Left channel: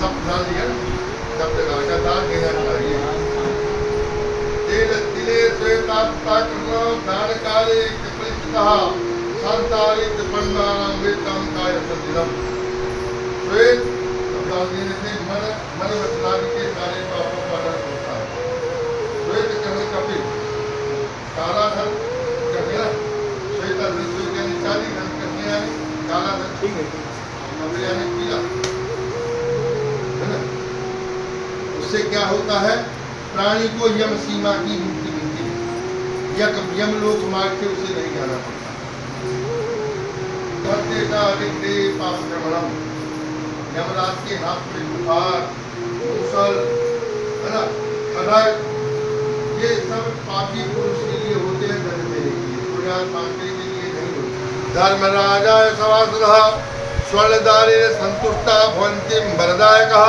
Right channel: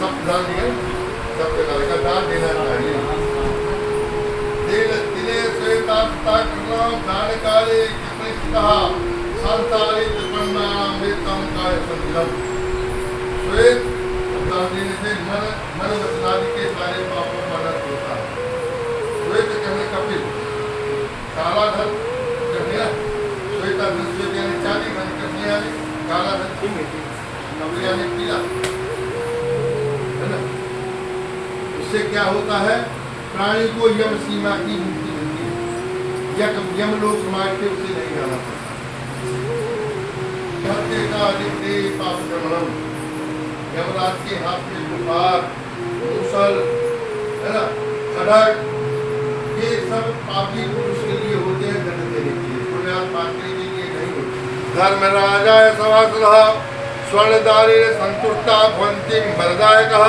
सब दान दिया, सब प्रकार का दान देना चाहिए। तिले श्वेतास्ता कृष्ण दान काले कृष्ण कहा संसारित ब्रह्मांड विक्रम काय संदिलम। श्वेत दान देने से मन वचनादि के सारे पापों का नाश होता है। श्वेत कहने कपिल, काला धन कहने श्वेता धन, श्वेत यानी चांदी, धन कहने यानी काला धन, कपिल यानी पीला, है ना। उससे क्या होता है, प्राणी को यम सीमा की मुक्ति मिलती है, यम लोक मार्ग से उसे नहीं जाना पड़ता। का पाप करम, यमराज के हाथ में बुखार, मूसल, है ना, खड़ग, ये सब पापी पुरुष के लिए होते हैं, दंड देने के लिए, पुण्यात्मा के लिए नहीं होते। धर्मराजाय सभासदः स्वर्णदाने संतुष्टा भवन्ति वरदायकः।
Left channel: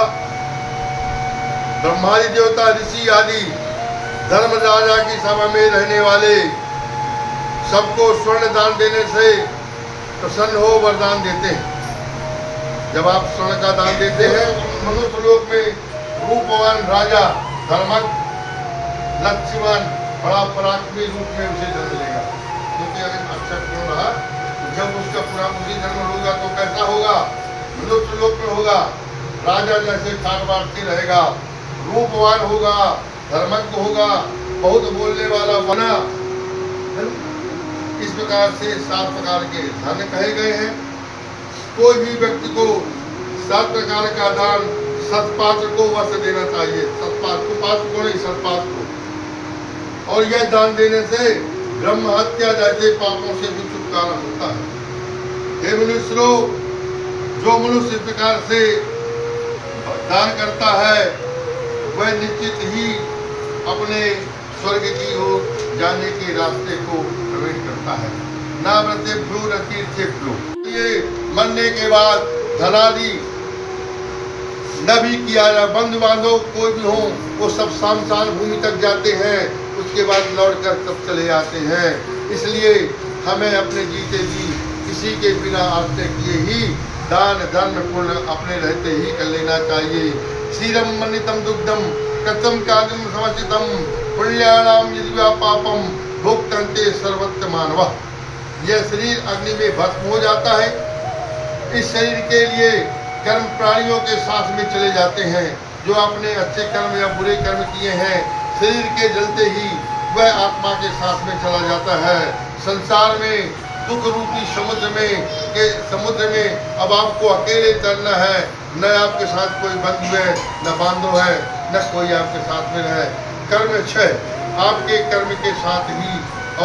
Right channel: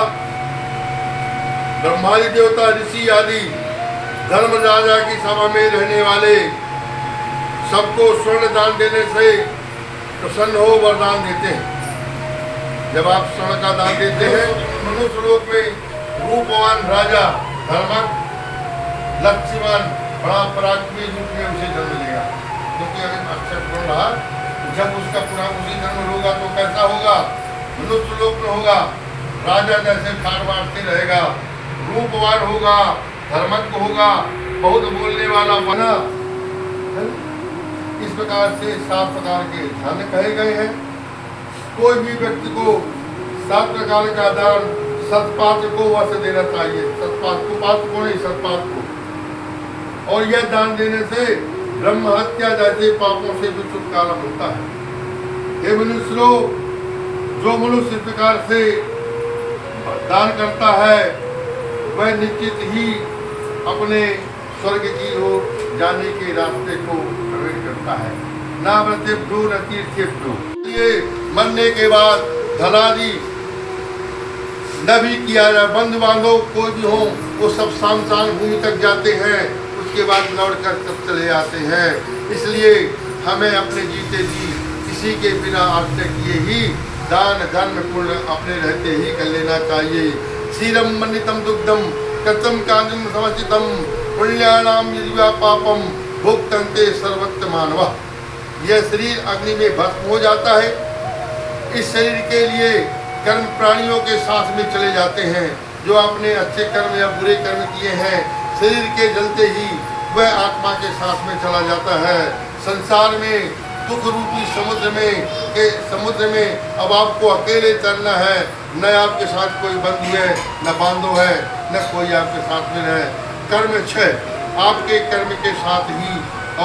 ब्रह्मादि देवता ऋषि आदि धर्म राजा की सभा में रहने वाले सबको स्वर्ण दान देने से प्रसन्न हो वरदान देते हैं। जब आप स्वर्ण का दान देते हैं, मनुष्य लोक में रूपवान राजा, धर्मक, लक्ष्मण, बड़ा पराक्रमी रूप में उसे जन्म लेगा। क्योंकि अगर अक्षर पूर्ण रहा, जब उसका पूरा उसी जन्म होगा तो कैसा होगा, मनुष्य लोक में होगा, राजा जैसे ठाट-बाटती रहेगा, रूपवान होगा, धर्मज्ञ होगा, बहुत बोलने वाला बना। इस प्रकार से 7 प्रकार के धन कहे गए हैं। कोई भी व्यक्ति को 7 प्रकार का दान सतपात्र को वैसे देना चाहिए, सतपात्र को नहीं, सतपात्र को। और यह दान देने से ब्रह्म हत्या जैसे पापों से भी छुटकारा मिलता है। हे मनुष्य लोग, जो मनुष्य इस प्रकार से दान करता है, वह निश्चित ही अपने स्वर्ग की ओर जाने के रास्ते को प्रवेश करता है। ना व्रते भ्रू न तीर्थे भ्रू। ये मरने के बाद धनादि न भी किया जाए, बंधु बांधव कोई भी हो, वो सब शामशान भूमि तक जाते हैं, उसके बाद लौट कर सब चले आते हैं। इसलिए हमें अपने जीते जी किसी के बिना आश्रय किए ही दान धर्म पुण्य अपने रहते ही कर लेना चाहिए। क्षीरम मन्नितम दुग्धम कच्चम कादिम समचितम पुण्यानाम यदि पापम भोक्तन्ते सर्वत्र मानवा। यह शरीर अग्नि में भस्म हो जाता है। इस शरीर के लिए कर्म प्राणियों के साथ में चले जाते हैं। जो आपने अच्छे कर्म या बुरे कर्म किए हैं, शरीर के जलते ही वह आत्मा के साथ में चला जाता है। संसार में दुख रूपी समुद्र में अब आपको अकेले चलना है। न आपके साथ कोई बंधु है, न बांधव है, न कोई आपके साथ में है। कर्म 6, आपके कर्म के साथ ही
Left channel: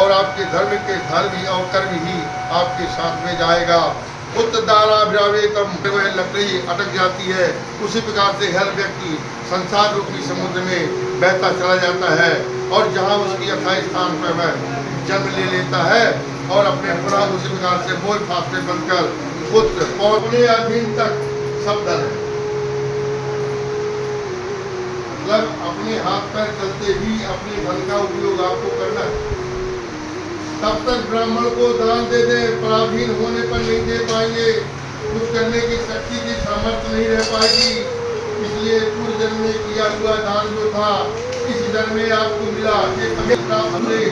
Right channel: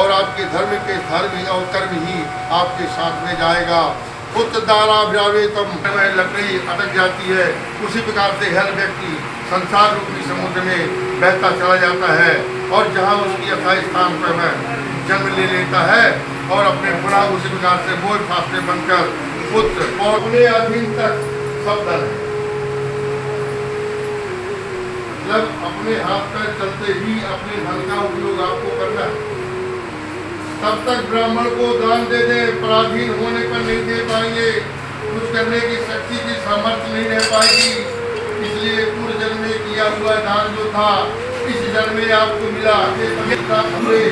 और आपके धर्म के धर्म ही और कर्म ही आपके साथ में जाएगा। पुत्र दारा व्यावेतम, लकड़ी अटक जाती है, उसी प्रकार से हर व्यक्ति संसार रूपी समुद्र में बहता चला जाता है और जहाँ उसकी यथाई स्थान पर जन्म ले लेता है और अपने पुनः उसी प्रकार से बोझ फासले बनकर पुत्र और अपने अधीन तक सब धन है। जब अपने हाथ पैर चलते ही अपने धन का उपयोग आपको करना है। तब तक ब्राह्मण को दान दे दे, पराधीन होने पर नहीं दे पाएंगे, कुछ करने की शक्ति की सामर्थ्य नहीं रह पाएगी। इसलिए पूर्व जन्म में किया हुआ दान जो था, इस जन्म में आपको मिला, ये तभी प्राप्त हुए।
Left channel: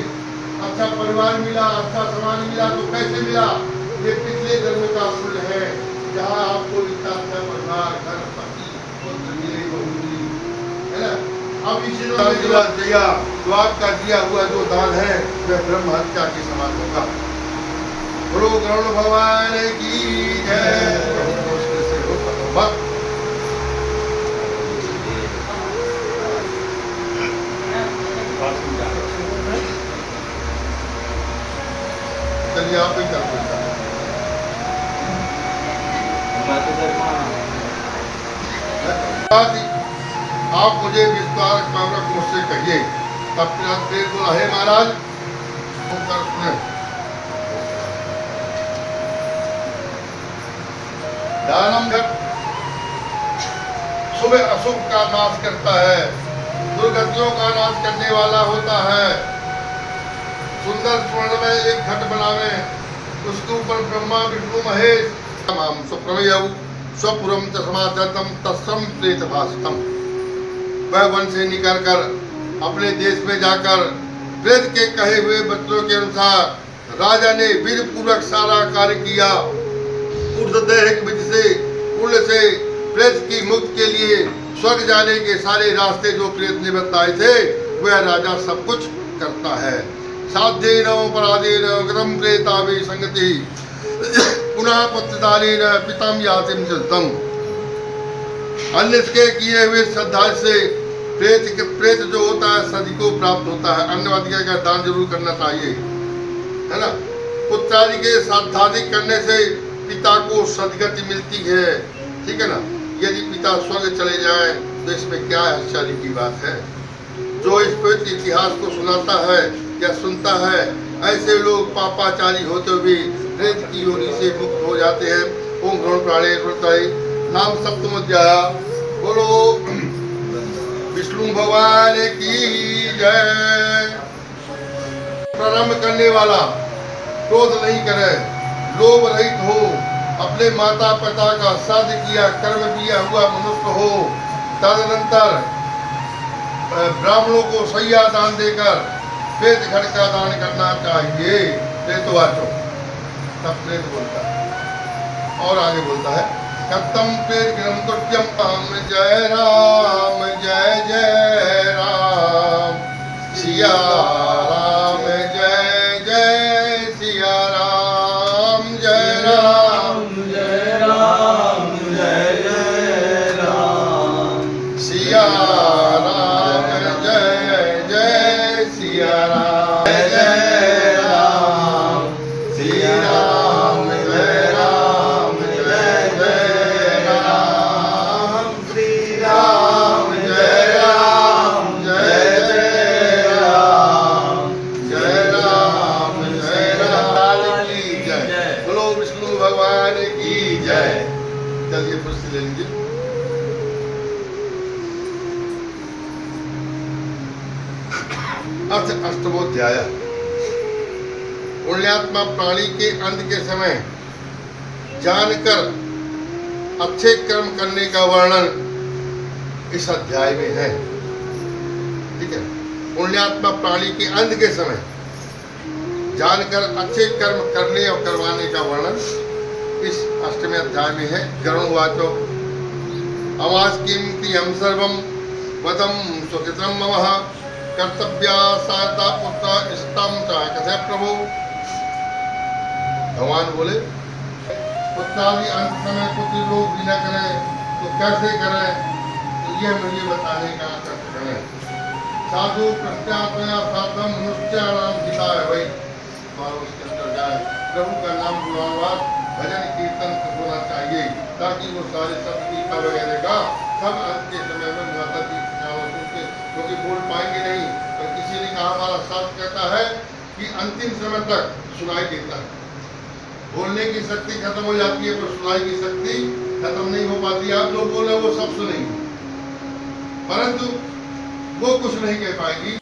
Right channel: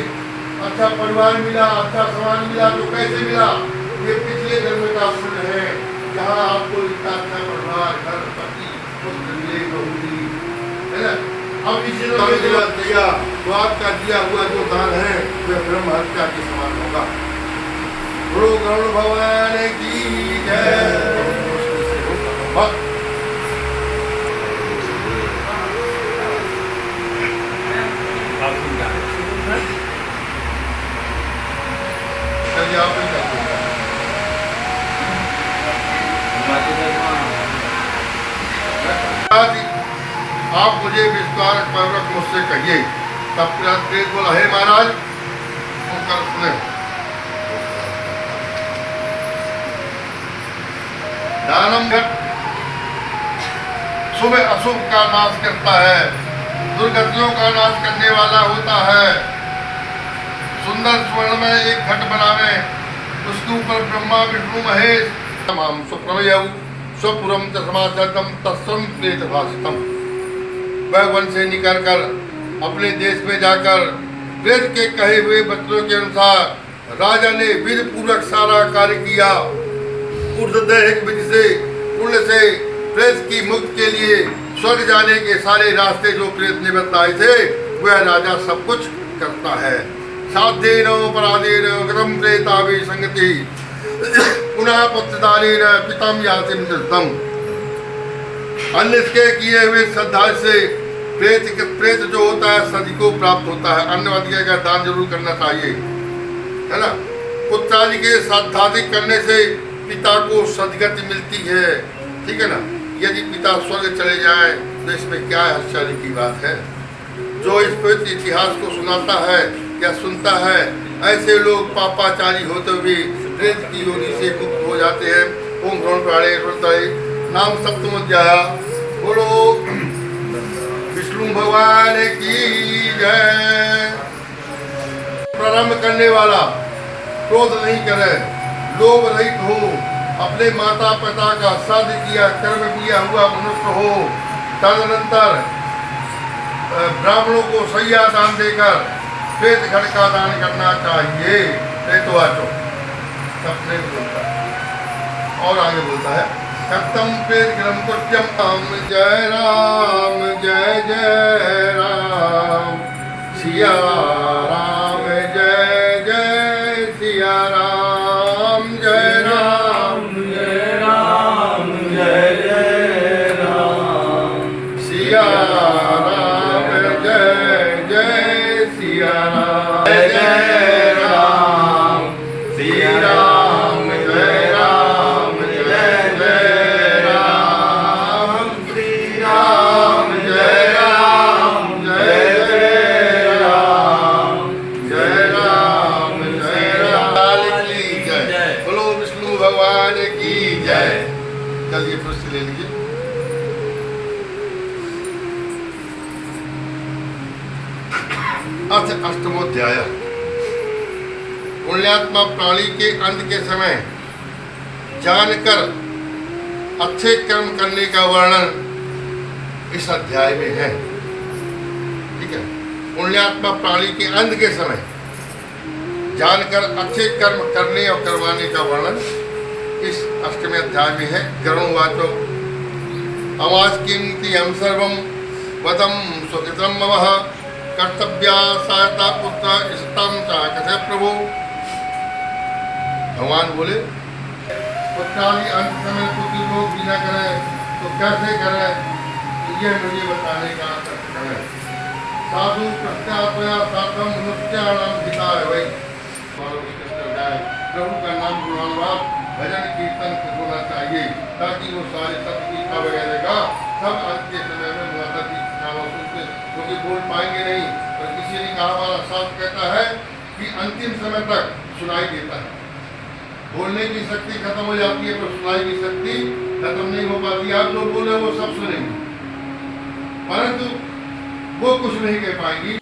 अच्छा परिवार मिला, अच्छा समाज मिला, तो कैसे मिला? ये पिछले जन्म का फल है, जहाँ आपको लिखा अच्छा परिवार, घर, पति, पुत्र मिले, नौकरी, है ना। अब इसी दिया तो आपका दिया हुआ जो दान है वह ब्रह्म हत्या के समान होगा। गुरु गरुड़ भगवान की जय। चलिए आप ही कर आप मुझे विश्वास पूर्वक मुझसे कहिए। तब प्रेत बोला, हे महाराज, सुने, दानम घट शुभ अशुभ का नाश करता है, दुर्गतियों का नाश करने वाला होता है। सुंदर स्वर्ण में एक घट बनावे, उसके ऊपर ब्रह्मा विष्णु महेश सुप्रमयऊ स्वपुरम च समाचरतम तत्सम प्रेत भाषितम। वह वन से निकल कर अपने देश में जाकर प्रेत के कहे हुए वचनों के अनुसार राजा ने विधि पूर्वक सारा कार्य किया। ऊर्ध्वदैहिक विधि से कुल से प्रेत की मुक्ति के लिए स्वर्ग जाने के सारे रास्ते जो प्रेत ने बताए थे वह राजा सब कुछ करता है। साध्येन अपराधेन गतम प्रेताभि संगति पुनः पुत्रदानेन पितम यातिम दत्तम। अन्य इसके किए हुए श्रद्धा से प्रेत जो होता है सदी को प्राप्त होता है। अन्नवादी का दान जरूर करना चाहिए, है ना। पुत्रादि के श्राद्धादि करने से पिता को सदगति मिलती है, ठीक है ना। यदि पिता स्वर्ग चले जाए तो इसमें क्या आश्चर्य की बात है। जो इस पवित्र इतिहास को सुनाता है या सुनता है, ऐसे लोग पापाचारी होते हुए प्रेत की योनि से मुक्त हो जाते हैं। ओम ह्रौं प्राणे हृदय नाम सप्तम अध्याय। बोलो विष्णु भगवान की जय। प्रारंभ करने वाला क्रोध नहीं करे, लोभ रहित हो, अपने माता पिता का साध किया कर्म किया हुआ मनुष्य हो, तदनंतर ब्राह्मणों को सैया दान देकर श्वेत घट का दान करना चाहिए। प्रेतवाचो सपने में बोलता है और आगे बोलता है कत्तम प्रेत ग्रम कृत्यम राम जय राम जय जय राम सिया राम जय जय सिया राम जय राम जय राम जय जय राम सिया राम जय जय सिया राम जय जय राम सिया राम जय राम जय जय राम श्री राम जय राम जय जय राम जय राम जय राम की जय। बोलो विष्णु भगवान की जय। चलिए फिर से ले लीजिए। अष्टमोध्याय। पुण्यात्मा प्राणी के अंत के समय जानकर अच्छे कर्म करने का वर्णन इस अध्याय में है, ठीक है। पुण्यात्मा प्राणी के अंत के समय जानकर अच्छे कर्म करने और करवाने का वर्णन इस अष्टमी अध्याय में है। गरुणवाचो अवाच किंति हम सर्वम वदम स्वकृतम ममः कर्तव्या सहायता पुत्र इष्टम कथे प्रभु। भगवान बोले पुत्रादि अंत समय पुत्र लोग भी न करें तो कैसे करें, तो ये मुझे बताने का कर्तव्य है। साधु प्रत्यात्मया साधम मनुष्याणाम हिता है भाई। प्रभु का नाम गुणवान भजन कीर्तन होना चाहिए ताकि वो सारे सब गीता वगैरह का सब अंत के समय में माता की सुनते, क्योंकि बोल पाएंगे नहीं। पर किसी ने कहा, हमारा शास्त्र कहता है कि अंतिम समय तक सुनाई देता है। बोलने की शक्ति खत्म हो जाती है पर सुनाई की शक्ति खत्म नहीं हो पाती। आप जो बोले वो सब सुनेंगे परंतु वो कुछ नहीं कह पाएंगी।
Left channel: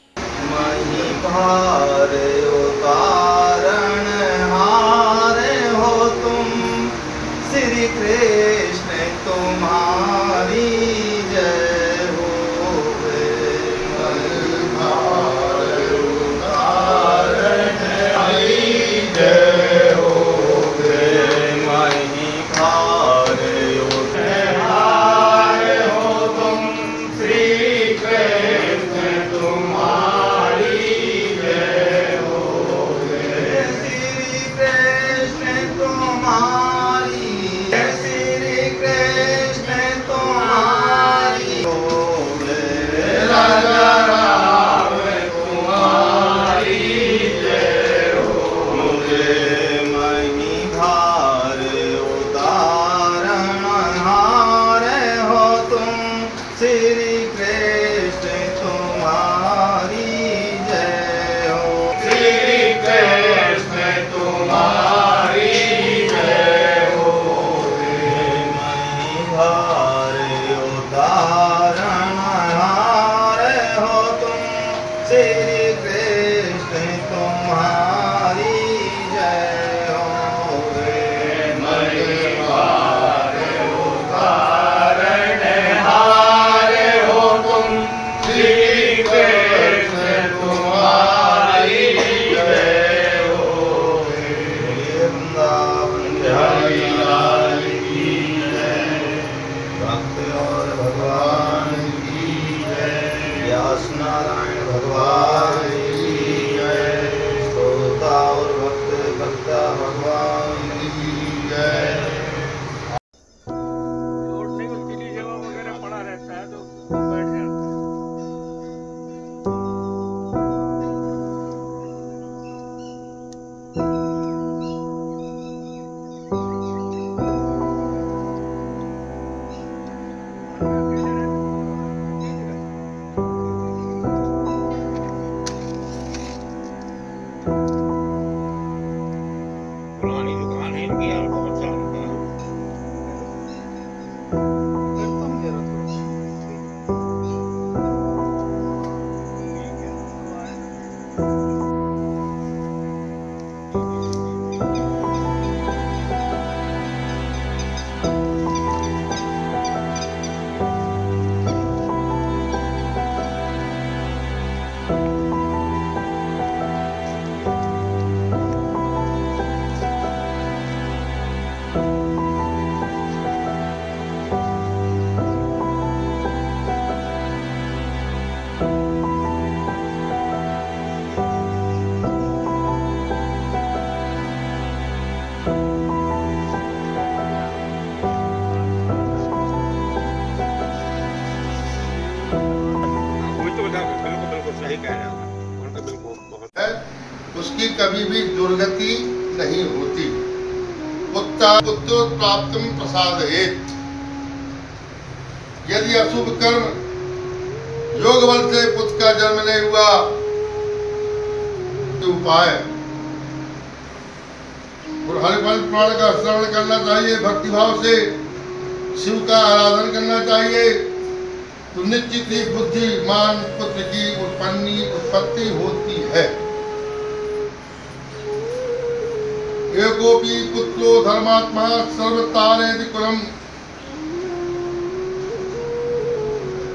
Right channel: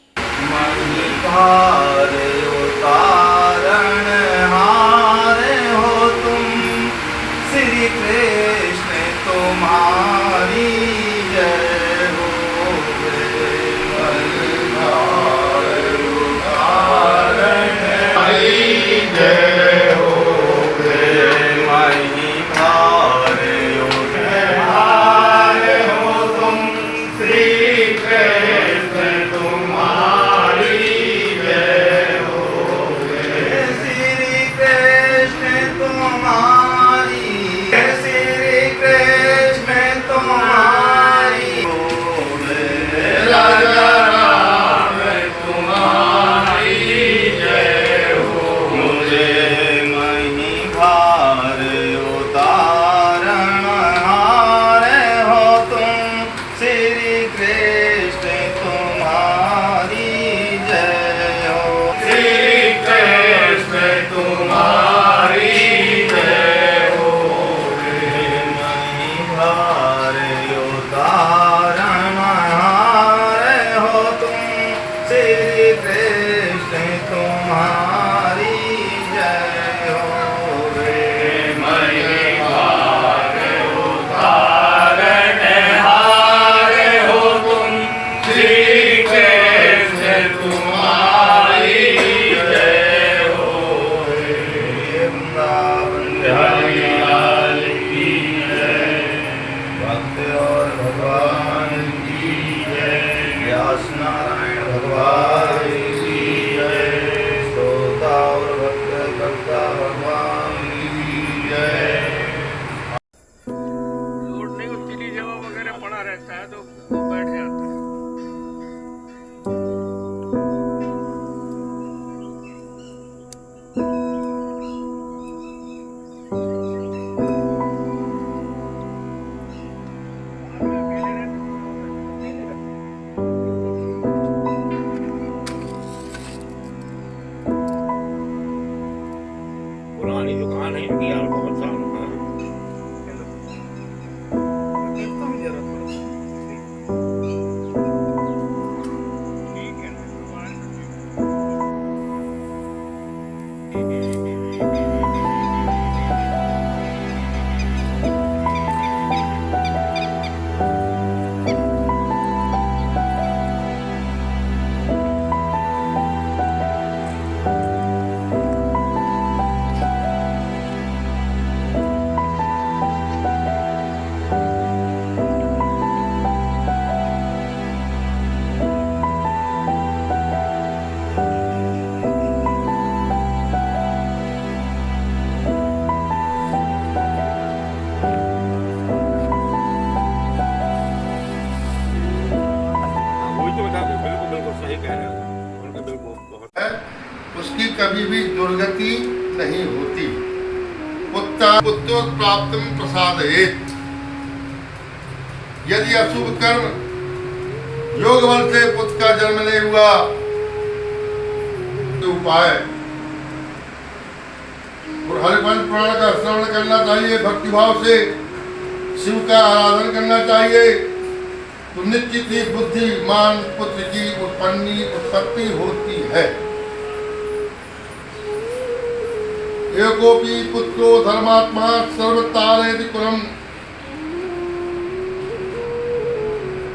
हो तुम श्री कृष्ण तुम्हारी जय हो। जय हो हो तुम श्री कृष्ण तुम्हारी जय हो। कभी भी दुर्गति नहीं होती। पुत्र प्राप्त प्रसादयेत्। यदि अशुभ कर्म योग बल से पुत्र का जन्म नहीं हुआ तो उपाय और हरिवंश पुराण का श्रवण करना चाहिए, भक्तिभाव से शिव का आराधन करना चाहिए, तो निश्चित ही बुद्धिमान पुत्र की उत्पत्ति होती है। एकोपि पुत्रो धर्मात्मा सर्वतारेति कुलम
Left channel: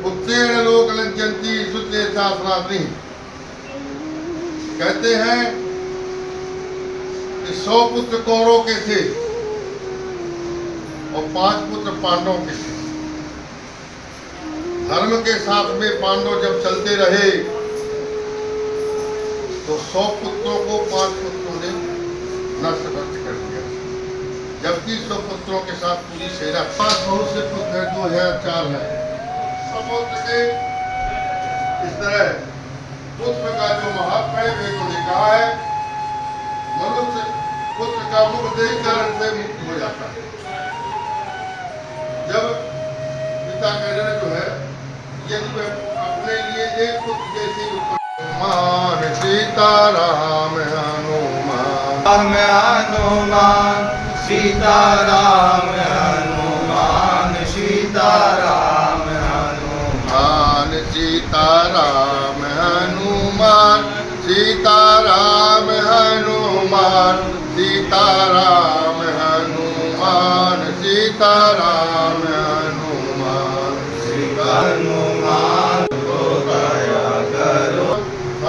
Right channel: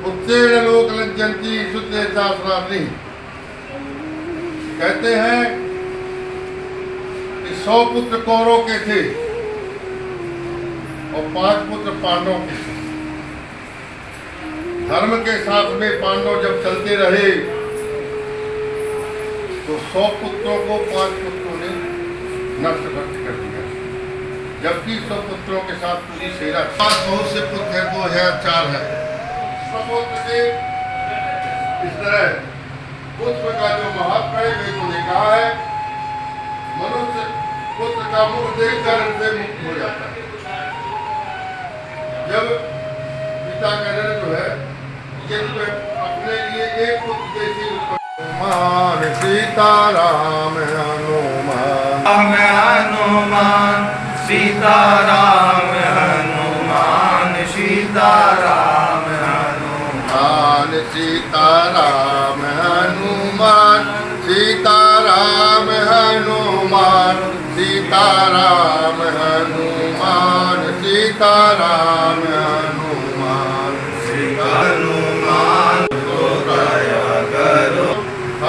पुत्रेण लोक लज्जन्ति सुते शास्त्राग्नि। कहते हैं कि 100 पुत्र कौरव के थे और 5 पुत्र पांडवों के थे। धर्म के साथ में पांडव जब चलते रहे तो 100 पुत्रों को 5 पुत्रों ने नष्ट कर दिया, जबकि 100 पुत्रों के साथ पूरी सेना। बहुत से पुत्र हैं, 2004 है। समुद्र के इस तरह पुत्र का जो महत्व है वे तो लिखा है, मनुष्य पुत्र का मुख देखकर से मुक्त हो जाता है। जब पिता का ऋण जो है यदि वह अपने लिए एक पुत्र जैसी मान सीताराम हनुमान हनुमान सीताराम हनुमान सीताराम हनुमान सीताराम हनुमान सीताराम हनुमान सीताराम हनुमान सीताराम हनुमान हनुमान तो दया करो,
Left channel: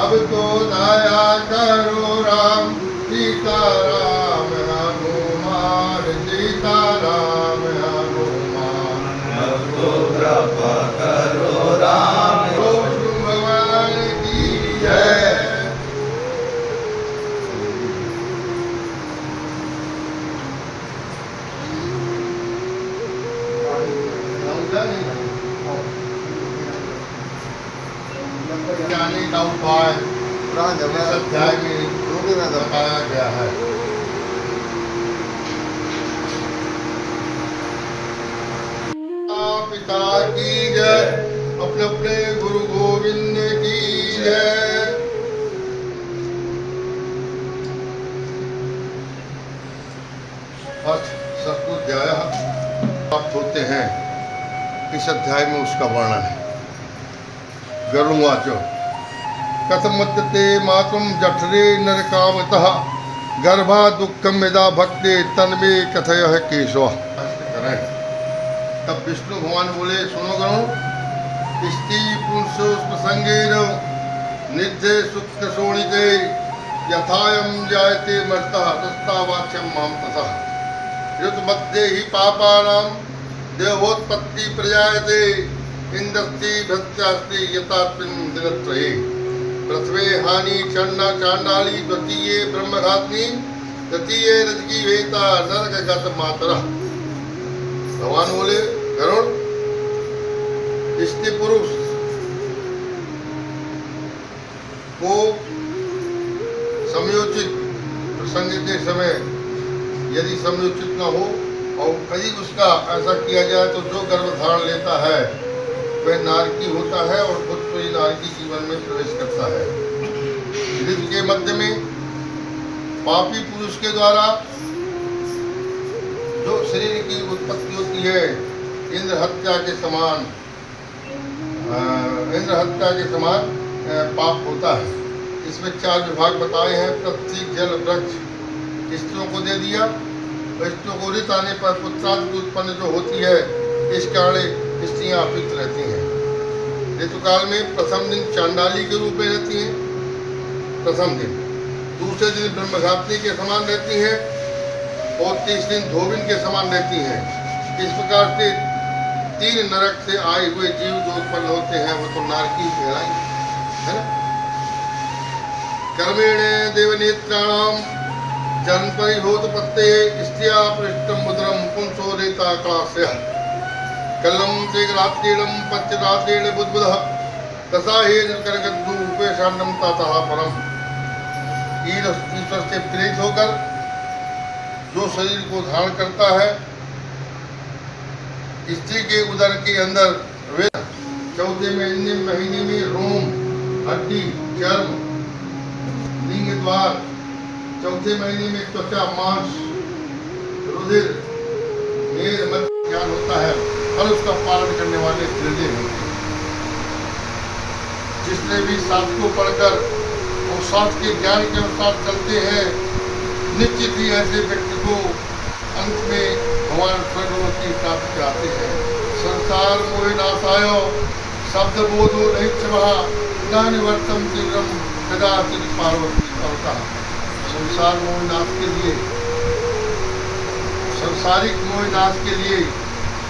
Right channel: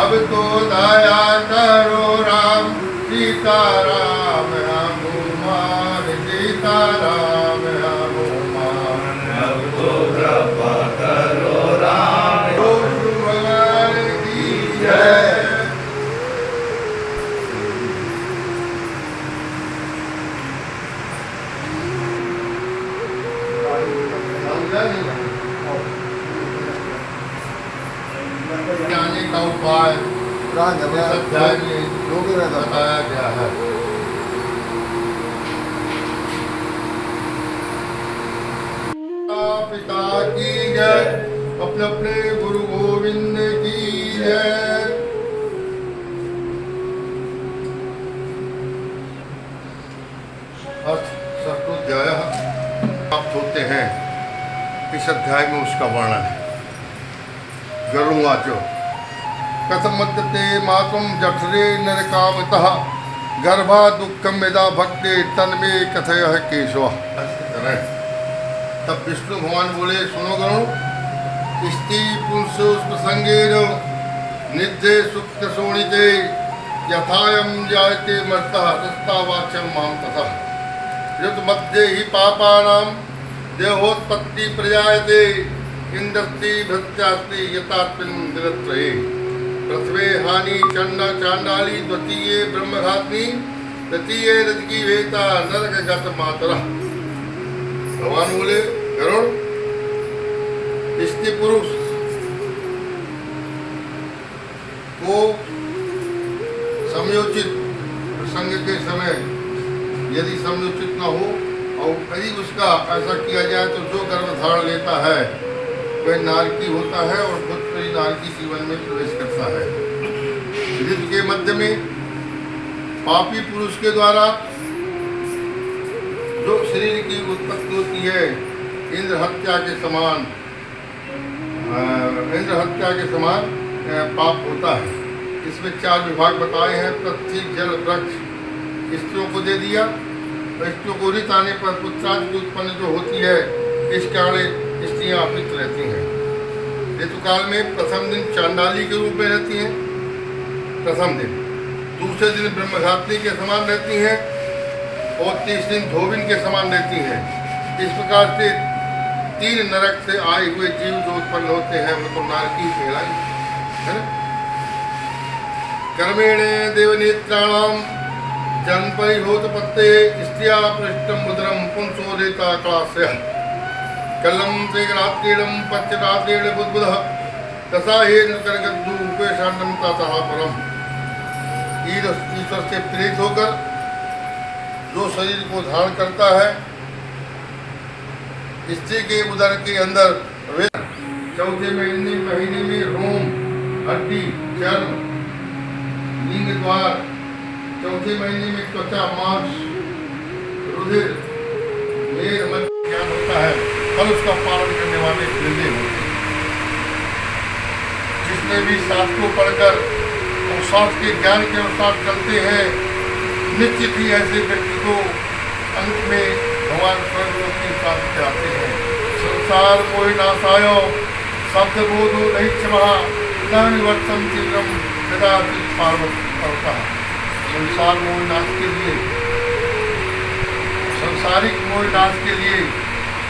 अब तो दया करो राम। सीताराम हनुमान सीताराम हनुमान अब तो कृपा करो राम। भगवान की जय। जाने का उपाय इस अध्याय में बताया गया है। पिता की जय, अपने अपने गुरु गोविंद की जय। अष्टोध्याय प्राप्त होते हैं, इस अध्याय में उसका वर्णन है। गरुड़वाचो कथमद्यते मातुम जठरे नरकामतः गर्भा दुःखम यदा भक्ते तन्मे कथयः केशव। तब विष्णु भगवान बोले, सुनो गरुड़, स्त्री पुरुषो प्रसंगेन निधे सुख शोणिते यथायम जायते मर्तः तस्तावाच्यम माम तथा युत मध्ये ही पापानां देहोत्पत्ति प्रजायते इंद्रस्ति भृत्यास्ति यथात्मन दिनत्रये प्रथमे हानि चांडाली द्वितीये ब्रह्मघातनी तृतीये रजकी वेता नरकगत मातरः। भगवान बोले, गरुड़, स्त्री पुरुष को समयोचित प्रसंग के समय यदि समयोचित न हो और कभी उसका ऐसा किया जाए तो जो गर्भ धारण लेता है वह नारकी होता है और पुत्र नारकी जीवन में प्रवेश करता है। ऋतु के मध्य में पापी पुरुष के द्वारा जो शरीर की उत्पत्ति होती है इंद्र हत्या के समान पाप होता है। इसमें 4 विभाग बताए हैं। पृथ्वी जल वृक्ष स्त्रियों को दे दिया, स्त्रियों को ऋतु आने पर पुत्रादि उत्पन्न जो होती है इस कारण स्त्रियां अपित रहती हैं। ऋतुकाल में प्रथम दिन चांडाली के रूप में रहती हैं, प्रथम दिन, दूसरे दिन ब्रह्मघातनी के समान रहती हैं और 30 दिन धोबिन के समान रहती हैं। इस प्रकार से 3 नरक से आए हुए जीव जो उत्पन्न होते हैं वो तो नारकी कहलाएंगे, है ना। कर्मेण देवनेत्राणाम जन्मपरिभूतपत्ते स्त्रिया पृष्ठम मुद्रम पुंसो देता क्लास्य कलम से रात्रिलम ईश्वर से प्रेरित होकर जो शरीर को धारण करता है, स्त्री के उदर के अंदर चौथे महीने में रोम, हड्डी, चर्म, लिंग द्वार, चौथे महीने में त्वचा, मांस, रुधिर, मेद, मध्य ज्ञान होता है और उसका पालन करने वाले प्रेरित होते हैं। जिसने भी शास्त्र को पढ़कर और शास्त्र के ज्ञान के अनुसार चलते हैं, निश्चित ही ऐसे व्यक्ति को अंत में भगवान स्वयं की प्राप्ति कराते हैं। संसार मोहि नाशाय शब्द बोधो नहीं क्षमा न निवर्तन तीव्रम कदाचित पार्वती करता। संसार मोह नाश के लिए, संसारिक मोह नाश के लिए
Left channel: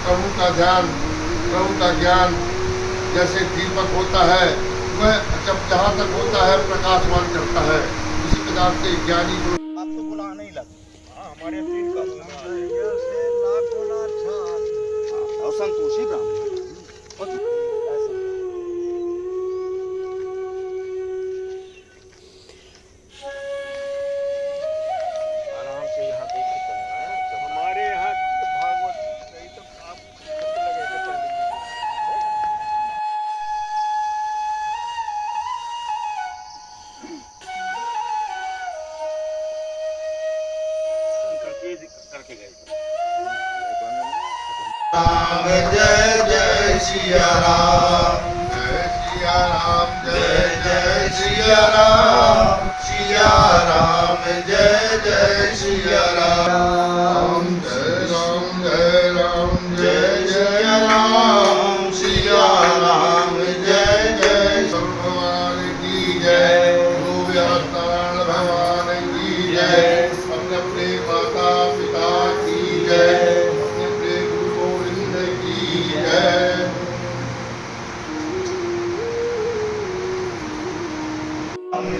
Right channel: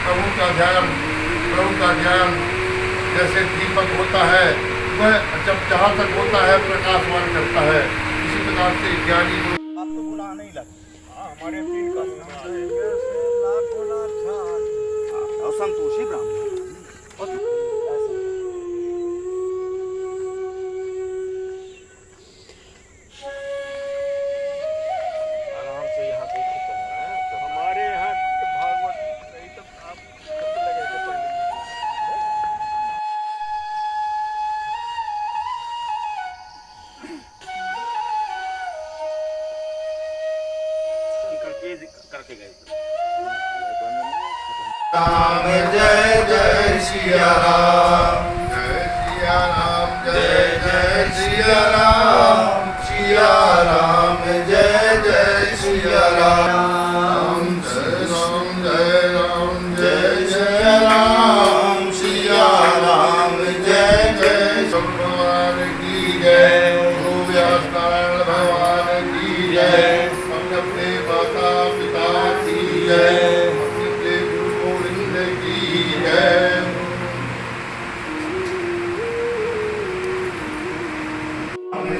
प्रभु का ध्यान, प्रभु का ज्ञान जैसे दीपक होता है, वह जब जहाँ तक होता है प्रकाशवान करता है, इसी प्रकार से ज्ञानी को आपको बुला नहीं लगा। हमारे तीन का लाखों असंतोषी ब्राह्मण आराम से यहाँ देख के चलना है। तो हमारे यहाँ भागवत नहीं तो आप लगेगा करके गए। राम जय जय सिया राम, जय जय सिया राम, सिया राम जय जय सिया राम, जय राम जय राम जय जय राम, सिया राम जय जय भगवान की जय, गुरु व्यासनारायण भगवान की जय, अपने अपने माता पिता की जय, अपने अपने गुरु गोविंद की जय।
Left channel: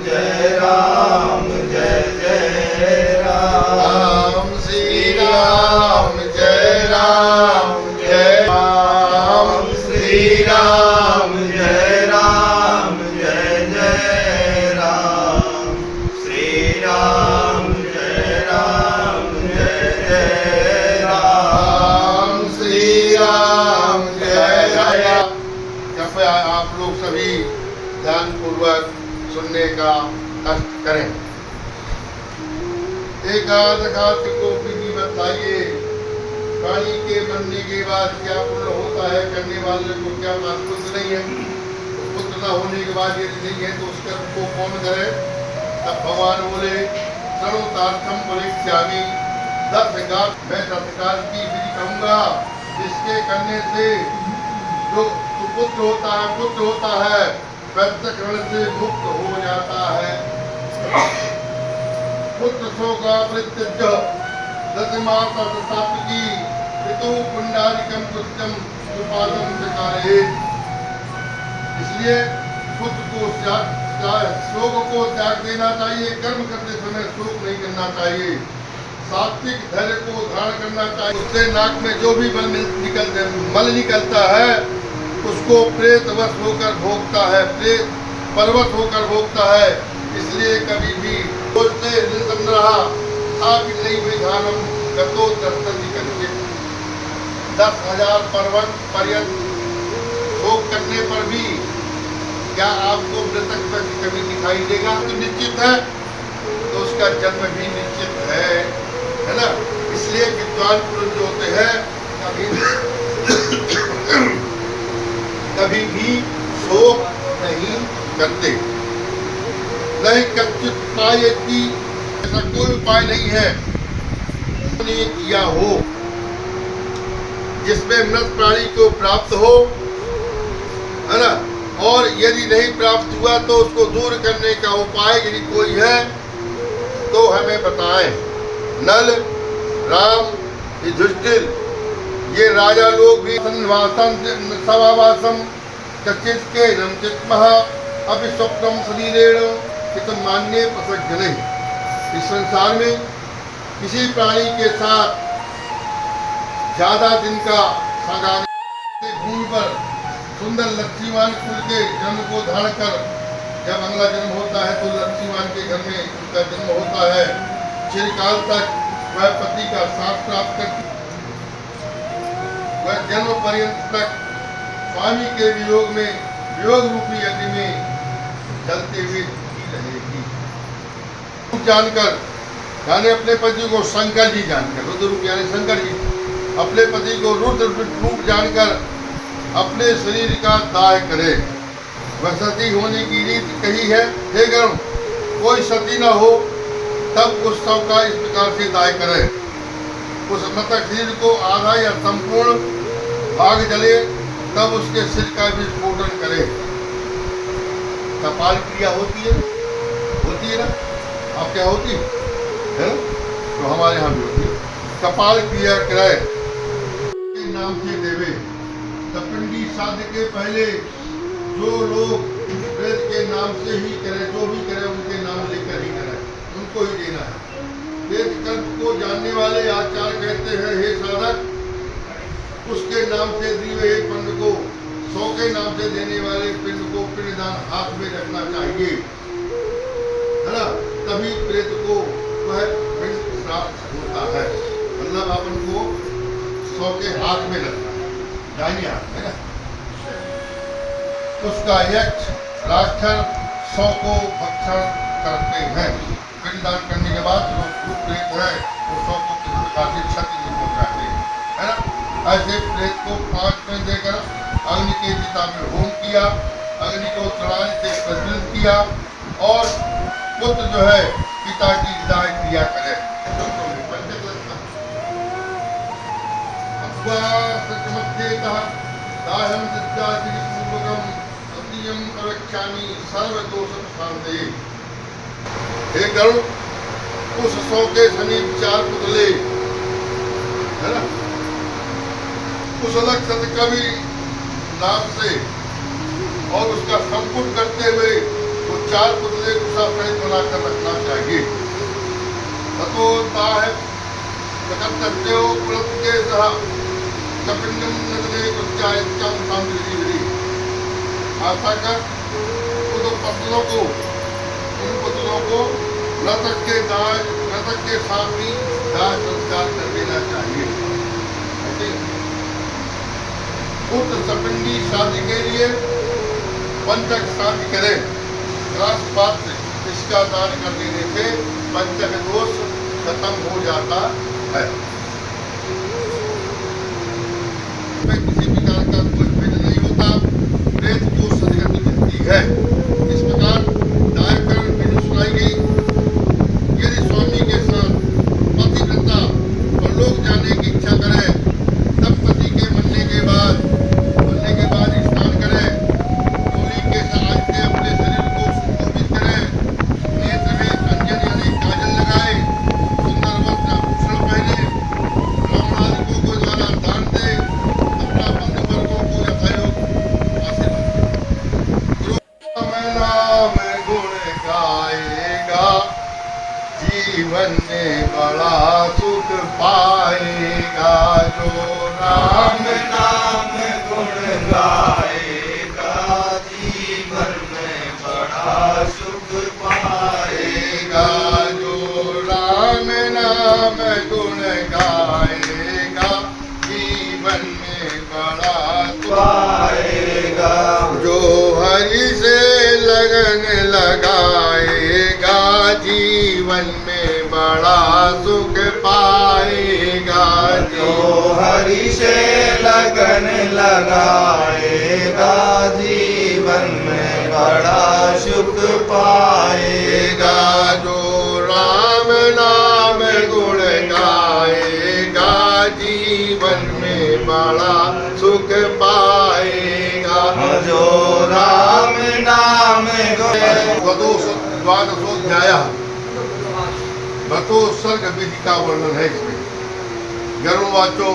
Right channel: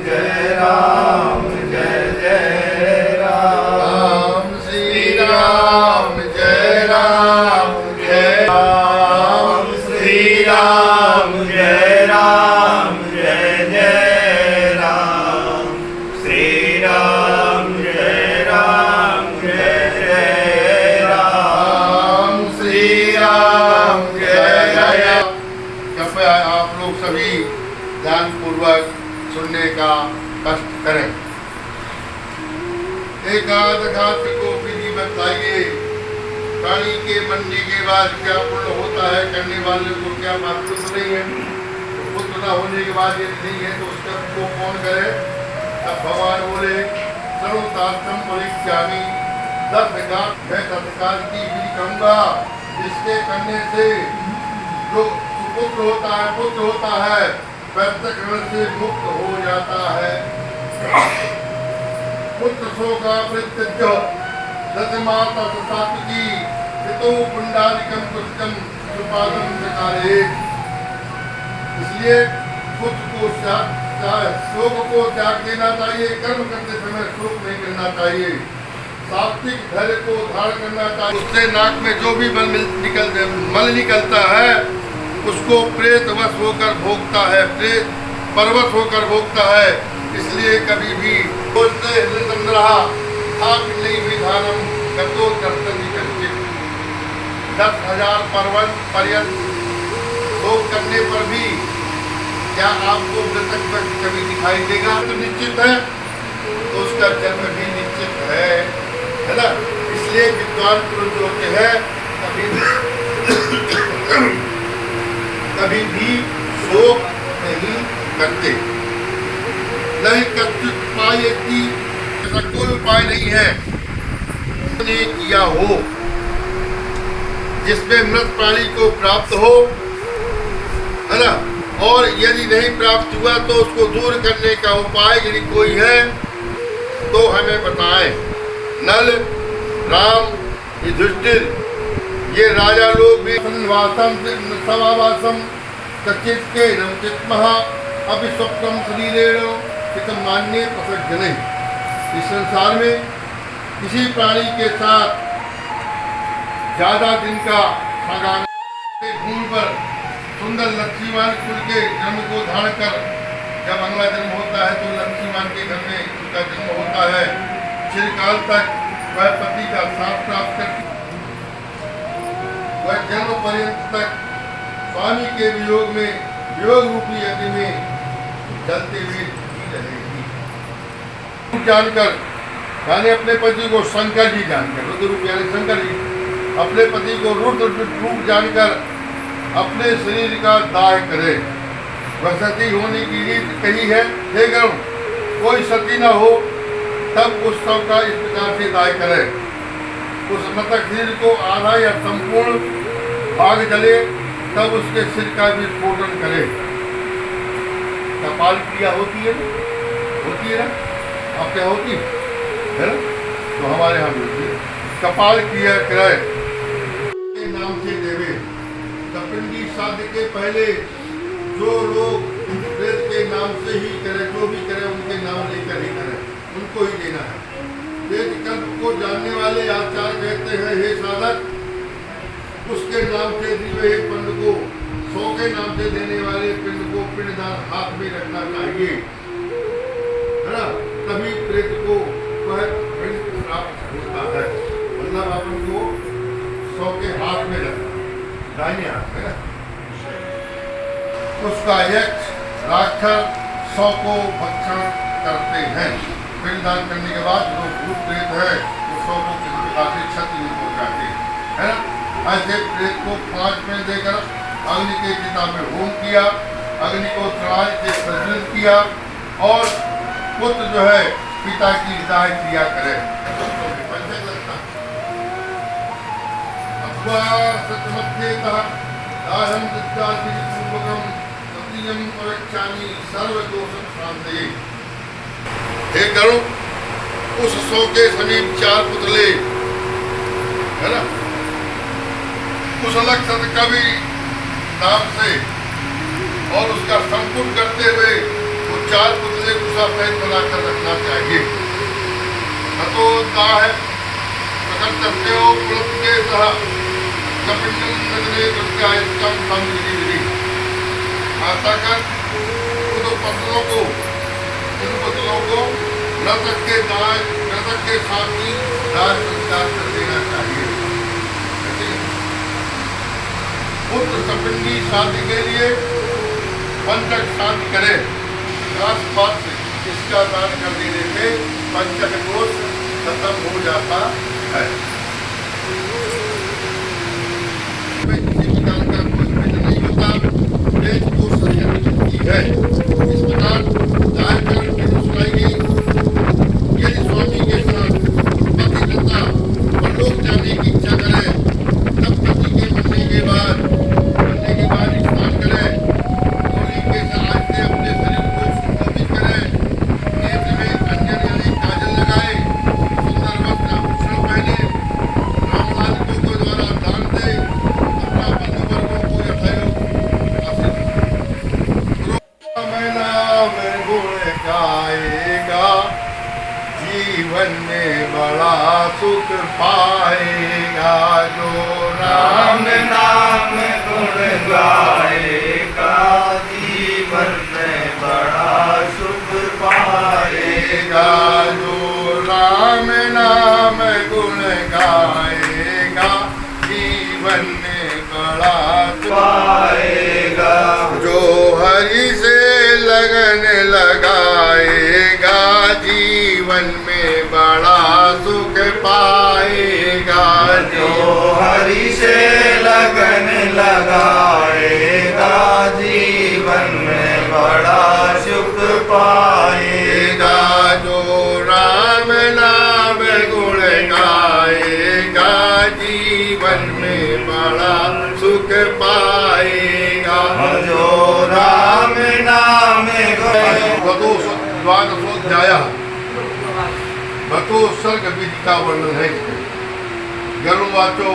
जय राम जय जय राम, श्री राम जय राम जय राम, श्री राम जय राम जय जय राम, श्री राम जय राम जय जय राम, श्री राम जय जय। कृपया आप लोग सभी ध्यान पूर्वक सुनने का कष्ट करें। एकाद घात को विधि बताइए, प्राणी के मरने के बाद क्या पुण्य होता है, करने वाले को क्या बात कुछ नहीं है। तो पुत्र न होने के बाद यदि नहीं है तो उसका को कौन करे। तब भगवान बोले सर्वतार्थम परित्यागी, 10 घात मैं तत्काल की विधि कहूँगा, जिसके करने से जो सुपुत्र होता है प्रत्यक्ष से मुक्त हो जाता है। पुत्र शोका प्रत्यक्ष दशमाता सात्विकी पितु पुंडारिकम दुष्टम सुपादम चकारे। इसलिए पुत्र को शोक को त्याग देना चाहिए, कर्म करते समय शोक नहीं करना चाहिए, सात्विक धैर्य को धारण करना चाहिए। उससे नाक में जो भी मल निकलता है उसको प्रेतवश होकर भोगता है, प्रेत परवश होकर भोगता है। इसलिए कभी भी सोचते निर्धन रहा आप नहीं विधानम कतो कर्तव्य करके 10,000 पर्यंत भोग करने पर भी क्या आपको मृतक व्यक्ति कभी दिखाई देगा? तो निश्चित है, तो उसका जन्म भी निश्चित है ना। इसलिए विद्वान पुरुष जो होते हैं कभी भी शोक नहीं करते। नहीं कच्चुत उपाय की ऐसा कोई उपाय नहीं है ने किया हो जिसमें मृत प्राणी को प्राप्त हो, है ना। और यदि नहीं प्राप्त हुआ तो उसको दूर करने का उपाय यदि कोई है तो हमें बताएं। नल, राम, युधिष्ठिर ये राजा लोग भी सवावासम कच्चित के नमचित महा अभी स्वप्नम शरीरेण हितम मान्य प्रसज्जने। इस संसार में किसी प्राणी के साथ ज्यादा दिन का संगाने भूमि पर सुंदर लक्ष्मीवान कुल के जन्म को धारण कर जब अगला जन्म होता है तो लक्ष्मी मान के घर में उनका जन्म होता है। चिरकाल तक वह पति का साथ प्राप्त कर वह जन्म पर्यंत तक स्वामी के वियोग में वियोग रूपी अग्नि में जलते हुए रहेगी। जानकर यानी अपने पति को शंकर जी जानकर, रुद्र रूप यानी शंकर जी अपने पति को रुद्र रूप जानकर अपने शरीर का दाह करे। वह सती होने की रीत कही है। हे गण, कोई सती न हो तब उस शव का इस प्रकार से दाह करे। उस मृतक शरीर को आधा या संपूर्ण आग जले तब उसके सिर का भी स्फोटन करे। कपाल क्रिया होती है ना, आपके यहाँ होती है ना, तो हमारे यहाँ भी होती है। कपाल क्रिया कराए के नाम से देवे। तपिंडी श्राद्ध के पहले जो लोग वेद के नाम से ही करे, जो भी करे उनके नाम लेकर ही करे, उनको ही देना है। वेद कल्प को जानने वाले आचार्य कहते हैं, हे साधक, उसके नाम से दिए हुए पिंड को 100 के नाम से देने वाले पिंड को पिंडदान हाथ में रखना चाहिए, है ना, तभी प्रेत को वह पिंड प्राप्त होता है। मतलब अपन को 100 के हाथ में रखना, दाहिने हाथ में ना। उसका यक्ष राक्षस 100 को भक्षण करते हैं। पिंडदान करने के बाद जो भूत प्रेत है वो 100 को किसी प्रकार से क्षति नहीं पहुंचाते हैं, है ना। ऐसे प्रेत को 5 में देकर अग्नि के चिता में होम किया, अग्नि को चढ़ाने से प्रज्वलित किया और पुत्र जो है पिता की दाह क्रिया करे। हे गरुड़, उस 100 के समीप 4 पुतले, है ना, उस अलग कवि नाम से और उसका संपूर्ण करते हुए वो 4 पुतले उसका पैर बनाकर रखना चाहिए। तो है प्रकर्तव्य हो के सह कपिंडम नगरे उत्यायतम सांस्कृतिक ऐसा कर उन पुतलों को मृतक के साथ ही दाह संस्कार कर देना चाहिए। पुत्र सपिंडी शादी के लिए पंचक शादी करे, पात्र इसका दान कर देने से पंचक दोष खत्म हो जाता है। किसी प्रकार का कोई भेद नहीं होता, प्रेत को सदगति मिलती है। इस प्रकार दान करण की सुनाई गई। यदि स्वामी के साथ पतिव्रता परलोक जाने की इच्छा करे तब पति के मरने के बाद स्नान करे, धूली के आज से अपने शरीर को सुशोभित करे, नेत्र में अंजन यानी काजल लगाए, सुंदर वस्त्र आभूषण पहने, ब्राह्मण आदि को द्वारा दान दे, अपना बंधु वर्गों को यथायोग्य नाम गुण गाएगा, जीवन में बड़ा सुख पाएगा। जो राम नाम गुण गाएगा, जीवन में बड़ा सुख पाएगा। जो राम नाम गुण गाएगा, जीवन में बड़ा सुख पाएगा। जो हरि से लगन लगाएगा, जीवन में बड़ा सुख पाएगा। जो हरि से लगन लगाएगा, जीवन में बड़ा सुख पाएगा। जो राम नाम गुण गाएगा, जीवन में बड़ा सुख पाएगा। जो राम नाम द्वादशोध्याय भतो सर्ग विधि का वर्णन है इसमें। गरुड़वाचो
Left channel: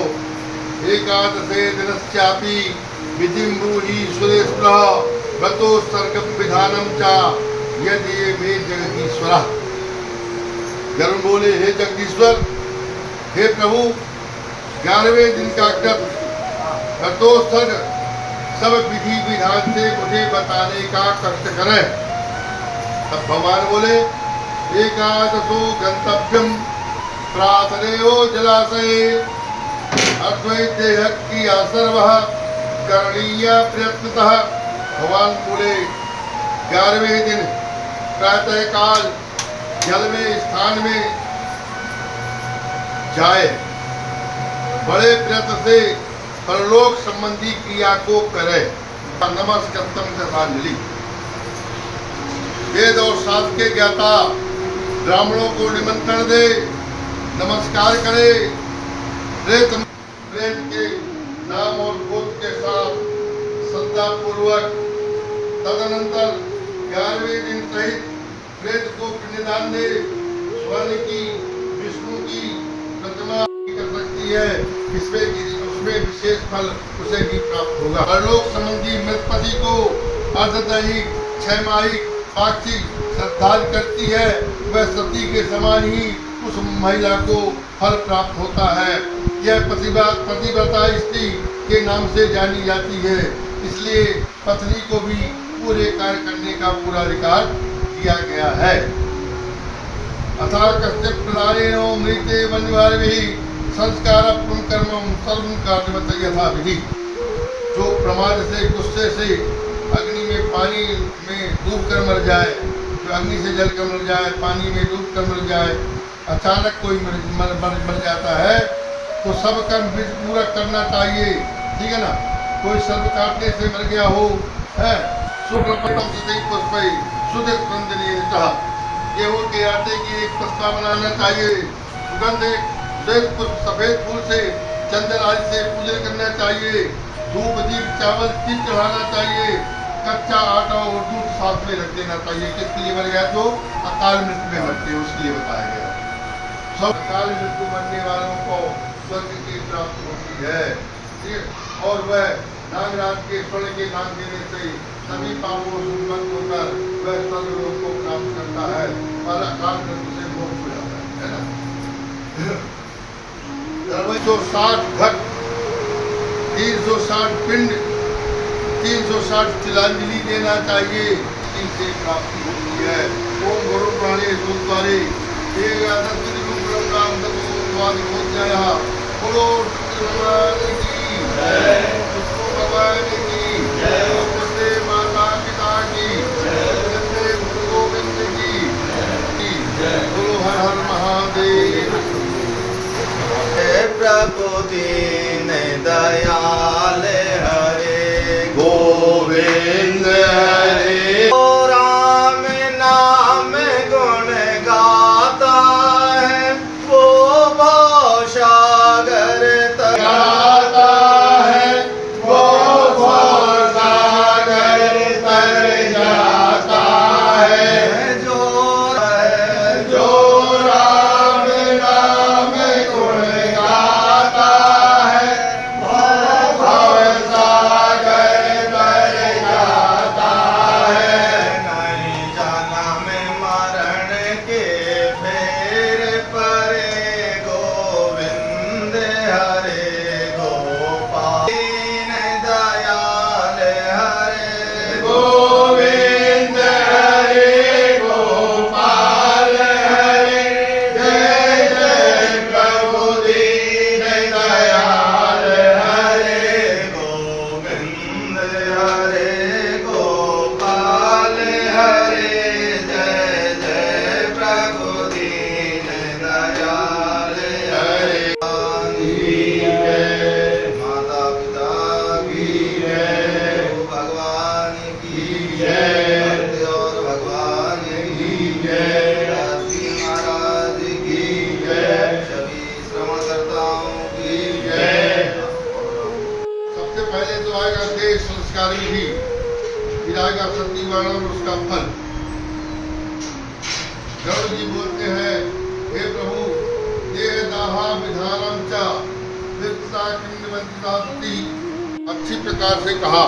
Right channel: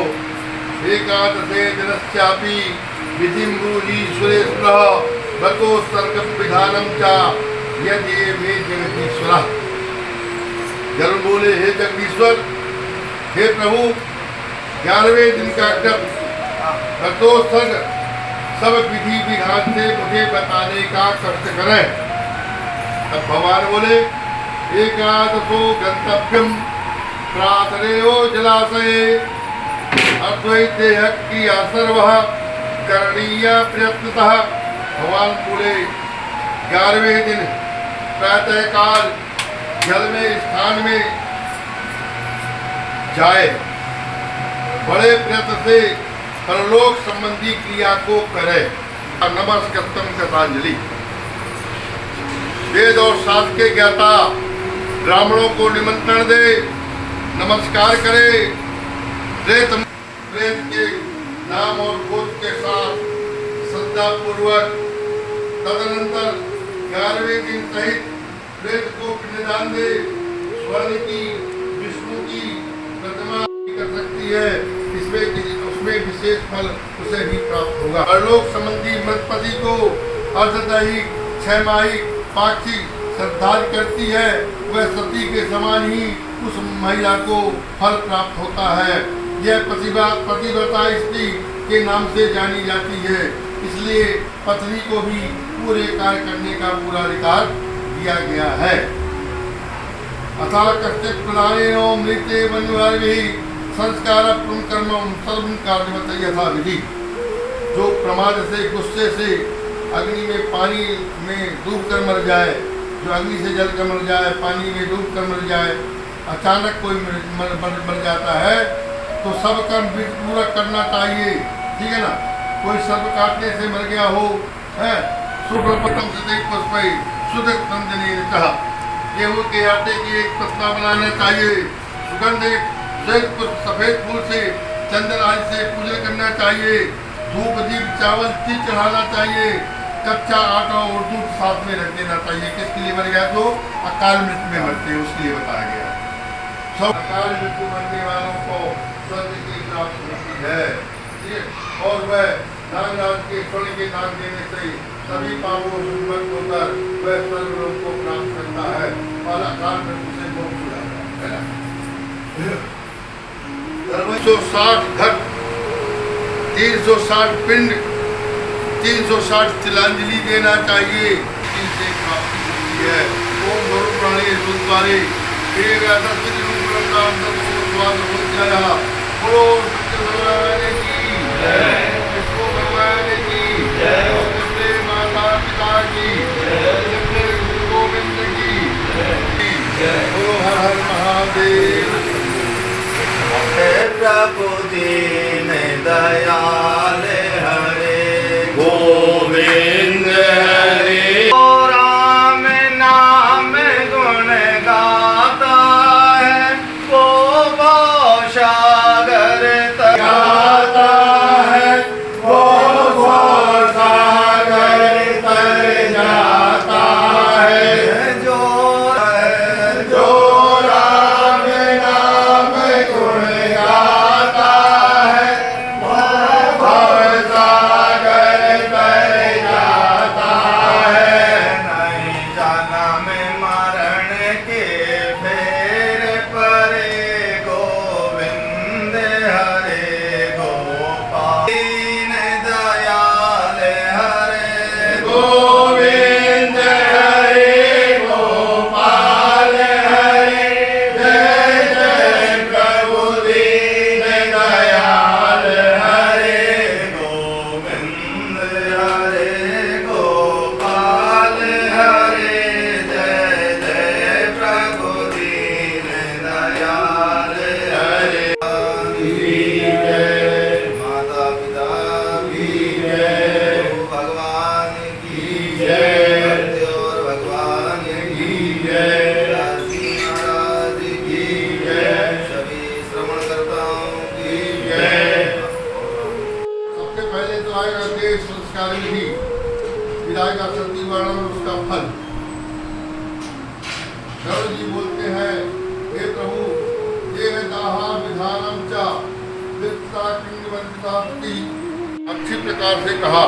एकादशे दिनस्यापि विधिं ब्रूहि सुरेश्वरः भतो सर्ग विधानम चा यदि मे जगदीश्वरः। गरुड़ बोले, हे जगदीश्वर, हे प्रभु, 11वें दिन का व्रत भतोत्सर्ग सब विधि विधान से मुझे बताने का कष्ट करें। तब भगवान बोले एकादशो गंतव्यम प्रातरेयो जलाशय अद्वैत देह क्रिया सर्व करणीय प्रयत्नतः। भगवान बोले 11वें दिन प्रातः काल जल में स्थान में जाए, बड़े प्रयत्न से परलोक संबंधी क्रिया को करे। नमस्कृतम कृतांजलि। वेद और शास्त्र के ज्ञाता ब्राह्मणों को निमंत्रण दे, नमस्कार करे, प्रेत के नाम और गोत्र के साथ श्रद्धा पूर्वक। तदनंतर 11वें दिन सहित प्रेत को पिंडदान दे। स्वर्ण की विष्णु की प्रतिमा कर सकती है, उसमें विशेष फल उसे भी प्राप्त होगा। परलोक संबंधी मृतपति को अर्धदैहिक, छमाहिक, पाक्षिक श्रद्धाल करती है, वह सती के समान ही उस महिला को फल प्राप्त होता है। यह पतिव्रता स्त्री के नाम से जानी जाती है, इसलिए पत्नी को भी पूरे कार्य करने का पूरा अधिकार दिया गया है। अथा कश्चित् प्रधानेनो मृते वन्यभार्भिः संस्कार कर्म सर्व कार्यवत यथा विधि। जो प्रमाद से, गुस्से से अग्नि में, पानी में डूब कर मर जाए, जो अग्नि से जल कर मर जाए, पानी में डूब कर मर जाए, अचानक कोई मर जाता है तो सब कर्म पूरा करना चाहिए, ठीक है ना। कोई सर्प काटने से मर गया हो, है गेहूं के आटे की एक पत्ता बनाना चाहिए, सुगंध एक सफेद फूल से, चंदन आदि से पूजन करना चाहिए, धूप दीप चावल तिल चढ़ाना चाहिए, कच्चा आटा और दूध साथ में रख देना चाहिए। किसके लिए मर गया? जो अकाल मृत्यु में मरते हैं उसके लिए बताया गया। सब अकाल मृत्यु मरने वालों को स्वर्ग की प्राप्ति होती है, और वह नागराज के स्वर्ण के दान देने से सभी पापों से मुक्त होकर वह स्वर्ग लोक को प्राप्त करता है और अकाल मृत्यु से मोक्ष हो जाता है ना। 360 घट, 360 पिंड, 360 तिलांजलि देना चाहिए, इनसे प्राप्ति होती है। ओम गुरु प्राणे द्वारे भगवान की विष्णु भगवान की कृष्ण माता पिता की गुरु गोविंद की गुरु हर हर महादेव। प्रभु दीन दयाल हरे गोविंद हरे। राम नाम गुण गाता है, वो सागर गाता है, वो सागर तर जाता है। जो राम नाम गुण गाता है, भव सागर तर जाता है। नहीं जन्म मरण के फेर परे, गोविंद हरे गोपाल दीन दयाल हरे गोविंद हरे गोपाल हरे, जय जय प्रभु दीन दयाल हरे। गोविंद हरे गोपाल हरे, जय जय प्रभु दीन दयाल हरे। माता पिता की जय, भगवान की जय, और भगवान की जय, काशी महाराज की जय, सभी श्रवणकर्ताओं की जय। सबसे पहले तो आएगा देश संस्कारी भी, फिर आएगा सतीवाण और उसका फल। गरुड़ जी बोलते हैं, हे प्रभु देह दाहा विधानम च वित्ता किंवंतिता सती। अच्छी प्रकार से कहा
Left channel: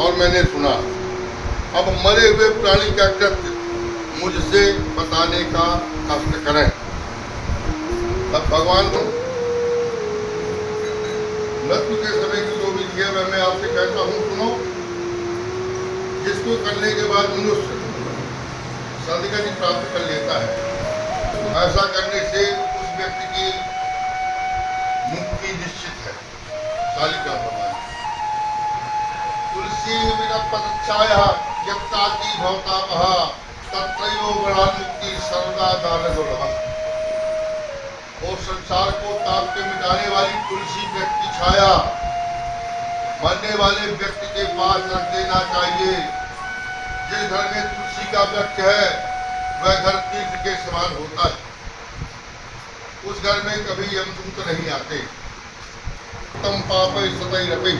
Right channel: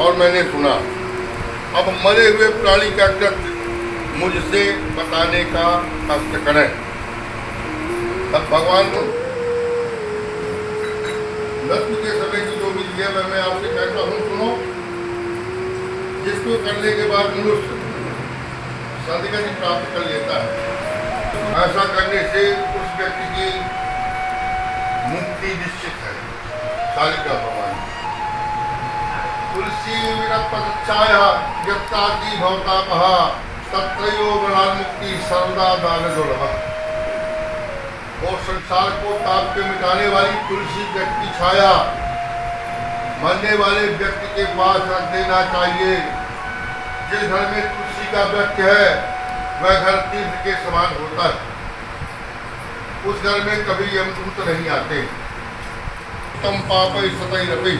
और मैंने सुना। अब मरे हुए प्राणी का कृत्य मुझसे बताने का कष्ट करें। तब भगवान को मृत्यु के समय की जो विधि है मैं आपसे कहता हूँ, सुनो। जिसको करने के बाद मनुष्य सदगति प्राप्त कर लेता है। ऐसा करने से उस व्यक्ति की मुक्ति निश्चित है। कालिका भगवान तुलसी पदच्छाया यत्ताति भवतापः तत्रयो गणान मुक्ति सर्वदा दान दुर्लभ। और संसार को ताप के मिटाने वाली तुलसी व्यक्ति की छाया मरने वाले व्यक्ति के पास रख देना चाहिए। जिस घर में तुलसी का वृक्ष है वह घर तीर्थ के समान होता है। उस घर में कभी यमदूत नहीं आते। तम पाप सतई रपे।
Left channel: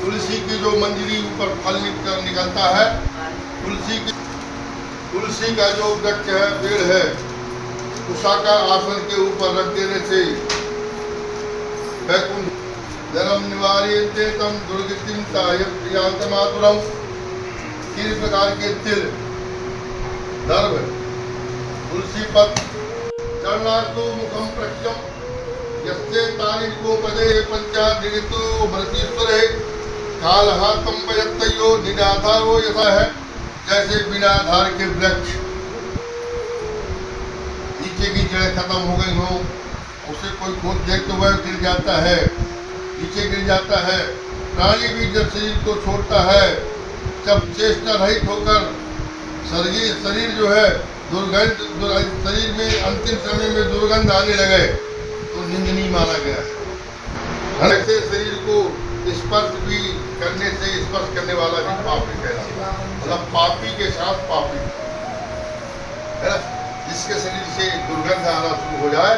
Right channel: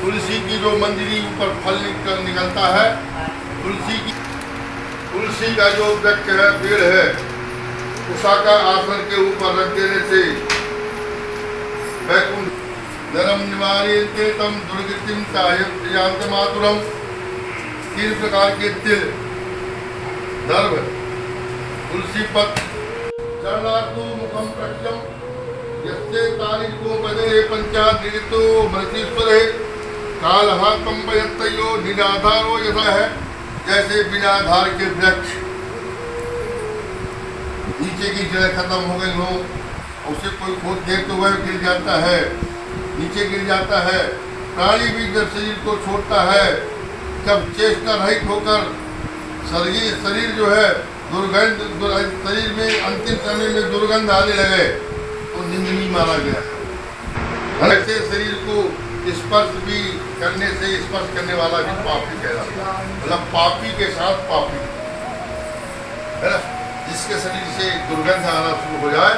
तुलसी की जो मंजरी ऊपर फल निकलता है, तुलसी का जो वृक्ष है, पेड़ है, उषा का आसन के ऊपर रख देने से वैकुंठ नरम निवार्यते तम दुर्गतिम तायंत मातुरम। 3 प्रकार के तिल, दर्भ, तुलसी पत्र, चरणार्थ मुखम प्रक्षम यस्ते तारिको पदे पंचादितो मृतीश्वरे कालहा पंपयत्तयो निराधारो यथा है। जैसे बिना आधार के वृक्ष नीचे की जड़ें खत्म हो गई हो, उसे कोई खोद दे तो वह गिर जाता है, नीचे गिर जाता है। प्राणी भी जब शरीर को छोड़ता है, जब चेष्टा रहित होकर शरीर जो है दुर्गंध, शरीर में अंतिम समय में दुर्गंध आने लगे तो निंदनीय माना गया। ऐसे शरीर को स्पर्श भी करने से स्पर्श करने वाला भी पापी कहलाता है। मतलब पापी के साथ पापी है। जिसके शरीर से दुर्गंध आना शुरू हो जाए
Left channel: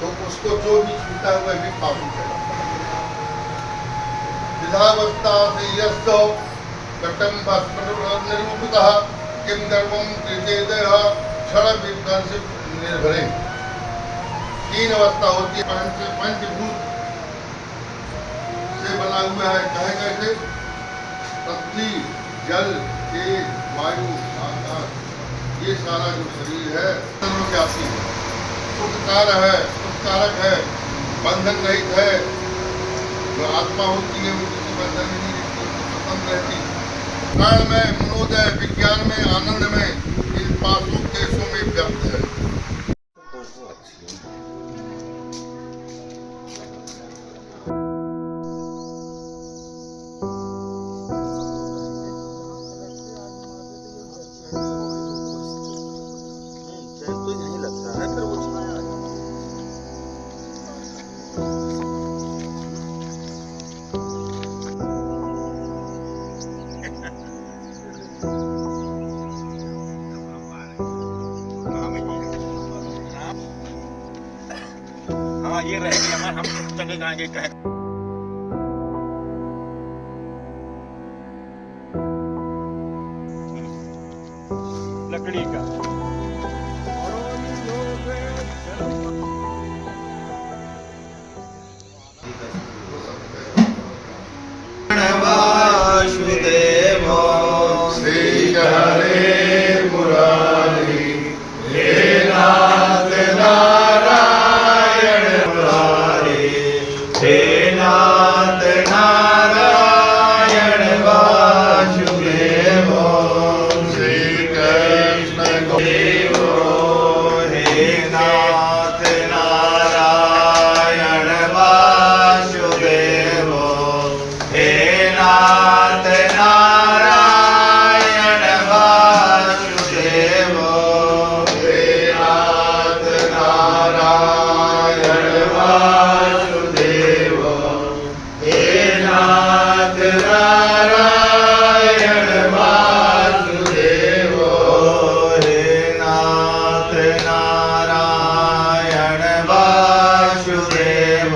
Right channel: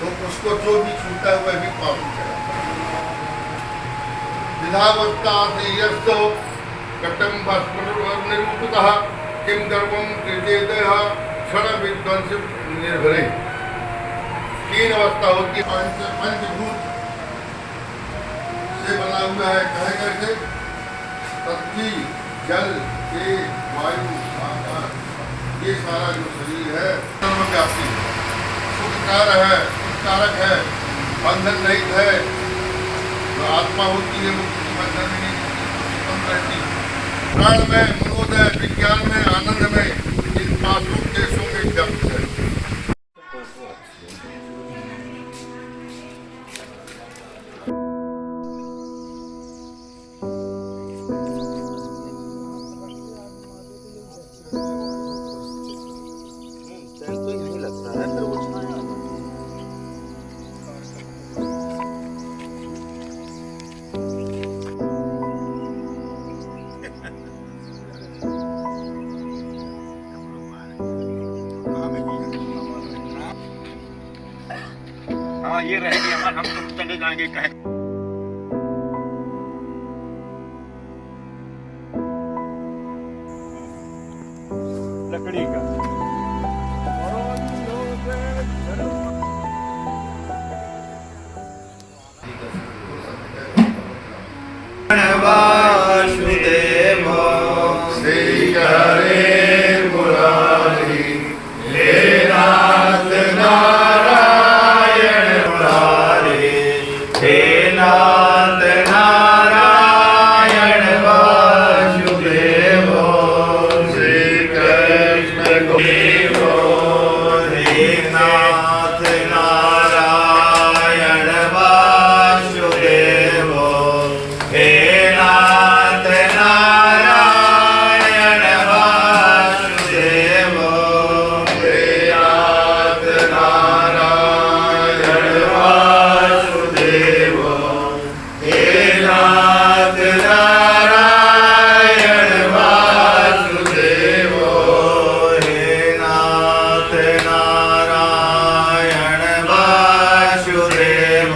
तो उसको जो भी छूता है वह भी पापी कहलाता है। विधावस्था से यस्तो कटम निरूपितः किम गर्वम कृतेदः क्षण विध्वंस निर्भरे। 3 अवस्था होती है। पंचभूत से बना हुआ है। कहे कैसे? पृथ्वी, जल, तेज, वायु, आकाश, ये सारा जो शरीर है सर्वव्यापी है, सुखकार है, सुखकारक है, बंधन रहित है। जो आत्मा होती है वो किसी बंधन में नहीं रहती। प्राण में, मनोदय, विज्ञान में, आनंद में, इन 5 देशों में व्याप्त है। तो यही लगता है, फिर वो छाया आ जाती है। हाँ ये रहेगी हमारे, हम चले जाएंगे कहीं। लकड़ी का वासुदेव श्री हरे मुरारी हे नाथ नारायण मुरारी हे नाथ नारायण वासुदेव श्री कृष्ण देव हे नाथ नारायण वासुदेव हे नाथ नारायण वासुदेव हे नाथ नारायण वासुदेव हे नाथ नारायण वासुदेव हे नाथ नारायण वासुदेव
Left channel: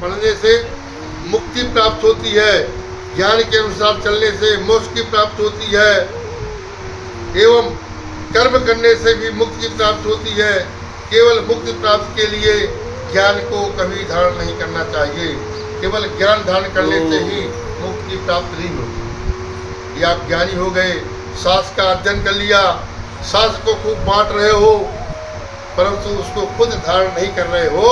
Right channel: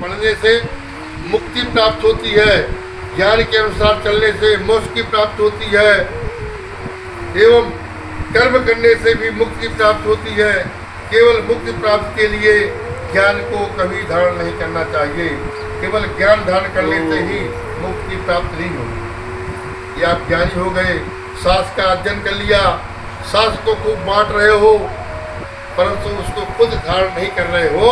पढ़ने से मुक्ति प्राप्त होती है, ज्ञान के अनुसार चलने से मोक्ष की प्राप्त होती है, एवं कर्म करने से भी मुक्ति प्राप्त होती है। केवल मुक्ति प्राप्त के लिए ज्ञान को कभी धारण नहीं करना चाहिए। केवल ज्ञान धारण करने से ही मुक्ति प्राप्त नहीं होगी। ये आप ज्ञानी हो गए, शास्त्र का अध्ययन कर लिया, शास्त्र को खूब बांट रहे हो, परंतु उसको खुद धारण नहीं कर रहे हो,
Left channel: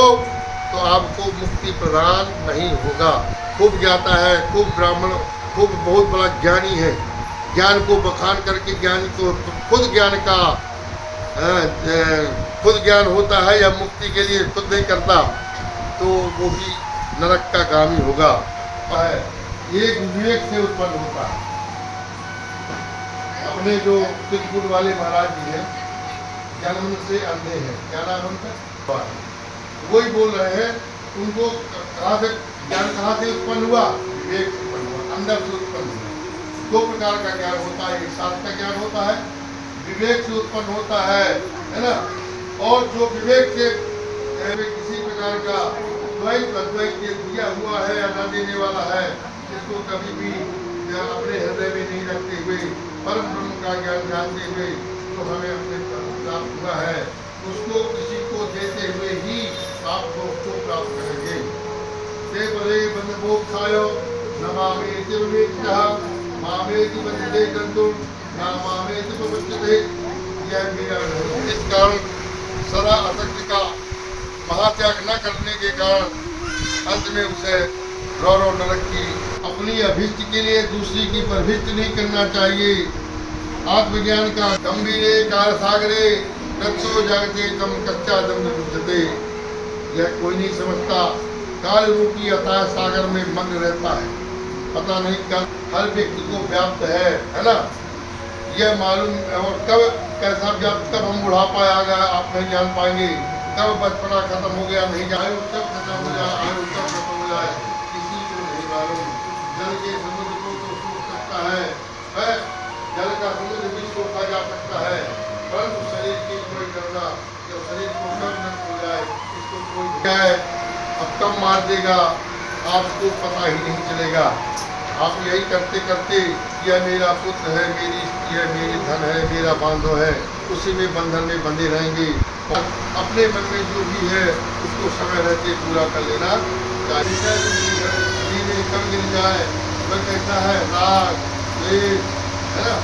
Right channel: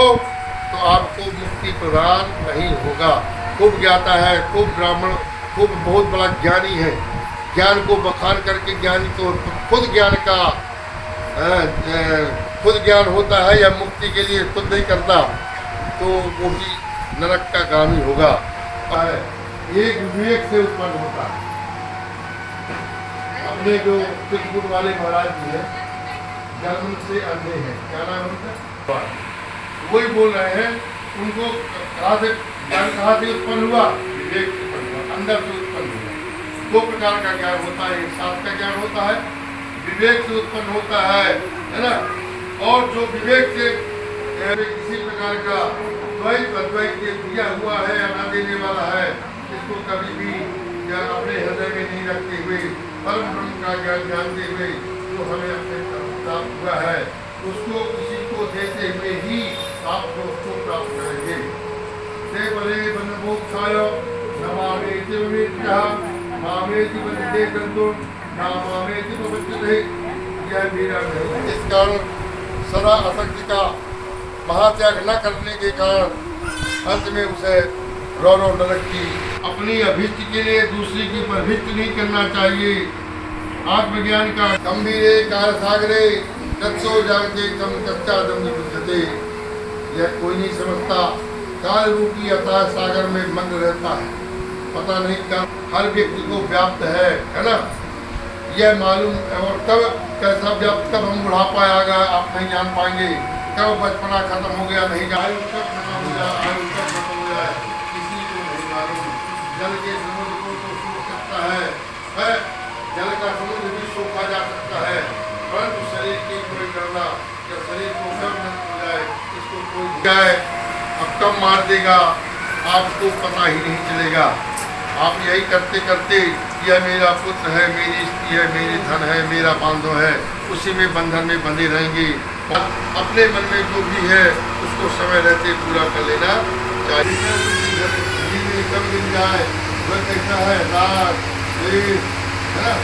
तो आपको मुक्ति प्रदान नहीं होगा। खूब ज्ञाता है, खूब ब्राह्मण, खूब बहुत बड़ा ज्ञानी है, ज्ञान को बखान करके ज्ञानी तो खुद ज्ञान का खुद ज्ञान होता है या मुक्ति के लिए खुद नहीं करता, तो वो भी नरक का गामी होगा। एक विवेक से उत्पन्न होता है। अपने जो चित्रकूट वाले महाराज जी हैं, जन्म से अंधे हैं, क्या नाम उनका, वही बोल रहे हैं, उनको कहाँ से ज्ञान कहाँ से उत्पन्न हुआ? विवेक से उत्पन्न हुआ, अंदर से उत्पन्न हुआ। दो प्रकार का ज्ञान होता है, एक शास्त्र का ज्ञान होता है, विवेक से उत्पन्न होता है ना। और जो विवेक से किसी प्रकार का द्वैत अद्वैत दिया हुआ है या न देने वाला है, इसको कभी भी अपने हृदय में नहीं रखते हुए परम ब्रह्म का ज्ञान जानते हुए जो हमें अपने प्राप्त हुआ है, उसको किसी को देते हुए ही आप दोस्तों प्राप्त करेंगे। बड़े बंधमोक्षायो नमामेति विवेक्यः मामेति वन्दे गन्तुं नामामेति प्रपद्यते। यह मेरा नहीं। इस कारण सदा असक्ति का महात्याग न करने के कारण अंत में उसे रौरव नरक की अपनी अभिष्ट के लिए दूसरी की परभिष्ट नहीं करना चाहिए। आत्मज्ञान का गंभीरे कार सागरे कच्चो जागते तम कच्चा दम बुझते। यह कोई नहीं समझता, काल रूपी अथाह सागर में मग्न रहता है, पता नहीं कब हर व्यक्ति को व्याप्त है ना। यह मालूम और कब कैसा व्याप्त, कब हम बुढ़ापा आ गया आप नहीं जान पाएंगे, कब बचपना खत्म हो गया नहीं जाए, कब खत्म हो जाए, आयु कब खत्म हो जाए, किसी को नहीं मालूम। जल के समुद्र को तो सूख सकता है, जल का समुद्र भी सूखा जा सकता है, परंतु शरीर की कोई करना या शरीर को कब नष्ट हो जाए इसको कोई जाए, अब कब मार देगा आपको पता ही नहीं चलेगा। आप यही करते करते यह मेरा पुत्र है, मेरी स्त्री है, मेरी धन है, मेरा बांधो है, उसी में बंधन में बंधे रहेंगे। अपने मन में जो भी है उसको समय रहते पूरा कर लेना चाहिए। कब मिल जाए वह कैसा है, राग है ना,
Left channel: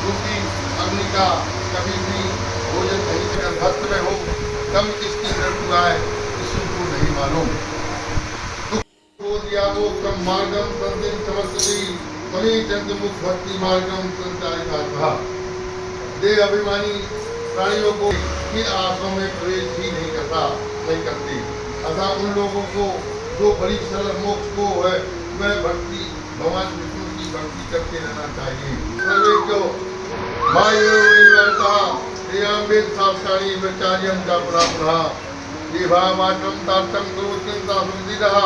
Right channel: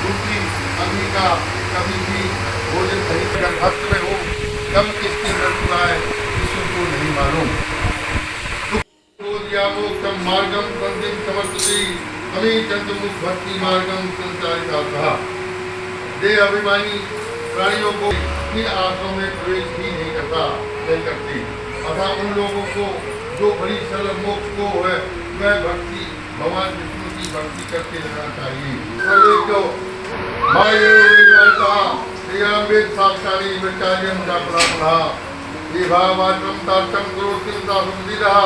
क्योंकि अग्नि का कभी भी भोजन नहीं कर भक्त में हो, कब किसकी मृत्यु आए किसी को नहीं मालूम। कम मार्गम संतिम समर्थति कमी चंद्र मुख भक्ति मार्गम संचारिता था। देह अभिमानी प्राणियों को इन आश्रमों में प्रवेश ही नहीं करती, अतः उन लोगों को जो बड़ी सरल मोक्ष को है वह भक्ति भगवान विष्णु की भक्ति करके रहना चाहिए। सर्वे को मायुर्विवर्ता वेद शास्त्राणि विचार्यं च ब्रह्मा विभावाचम तार्थम गुरुत्वं तासुंदिरः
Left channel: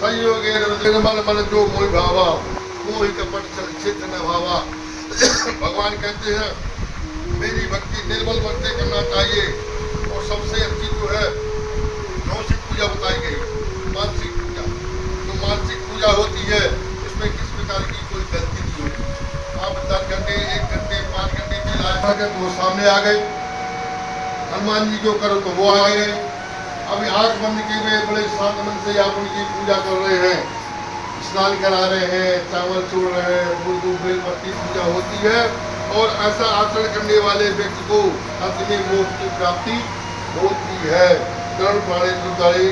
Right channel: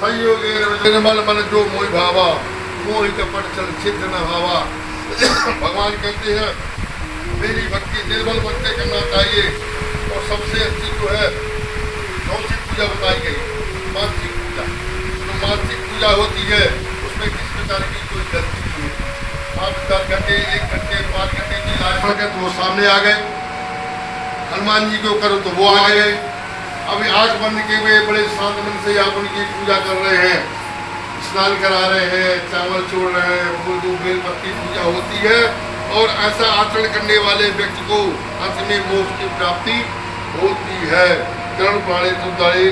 संयोगे निर्मल मन जो मोहि भावा मोहि कपट चल छिद्र न भावा। भगवान कहते हैं मेरी भक्ति निर्मल मन से करना चाहिए, और सबसे अच्छी जो है मानसिक पूजा बताई गई, मानसिक पूजा। जो मानसिक पूजा होती है उसमें किस प्रकार की कोई गलती नहीं है। आप 10 घंटे 1 घंटे 5 घंटे की लाइफ तो वो सामने आ गए, हनुमान जी को करो तो वो आ गए। अभी आंख बंद किए हुए बड़े शांत मन से आप उनकी पूजा कर रहे हैं, स्नान करा रहे हैं, चावल छोड़ रहे हैं, फूल दूध बेल पत्ती पूजा होती है, और ऐसा आचरण करने वाले व्यक्ति को अंत में मोक्ष की प्राप्ति होती है। कर्ण पाणे सुधारे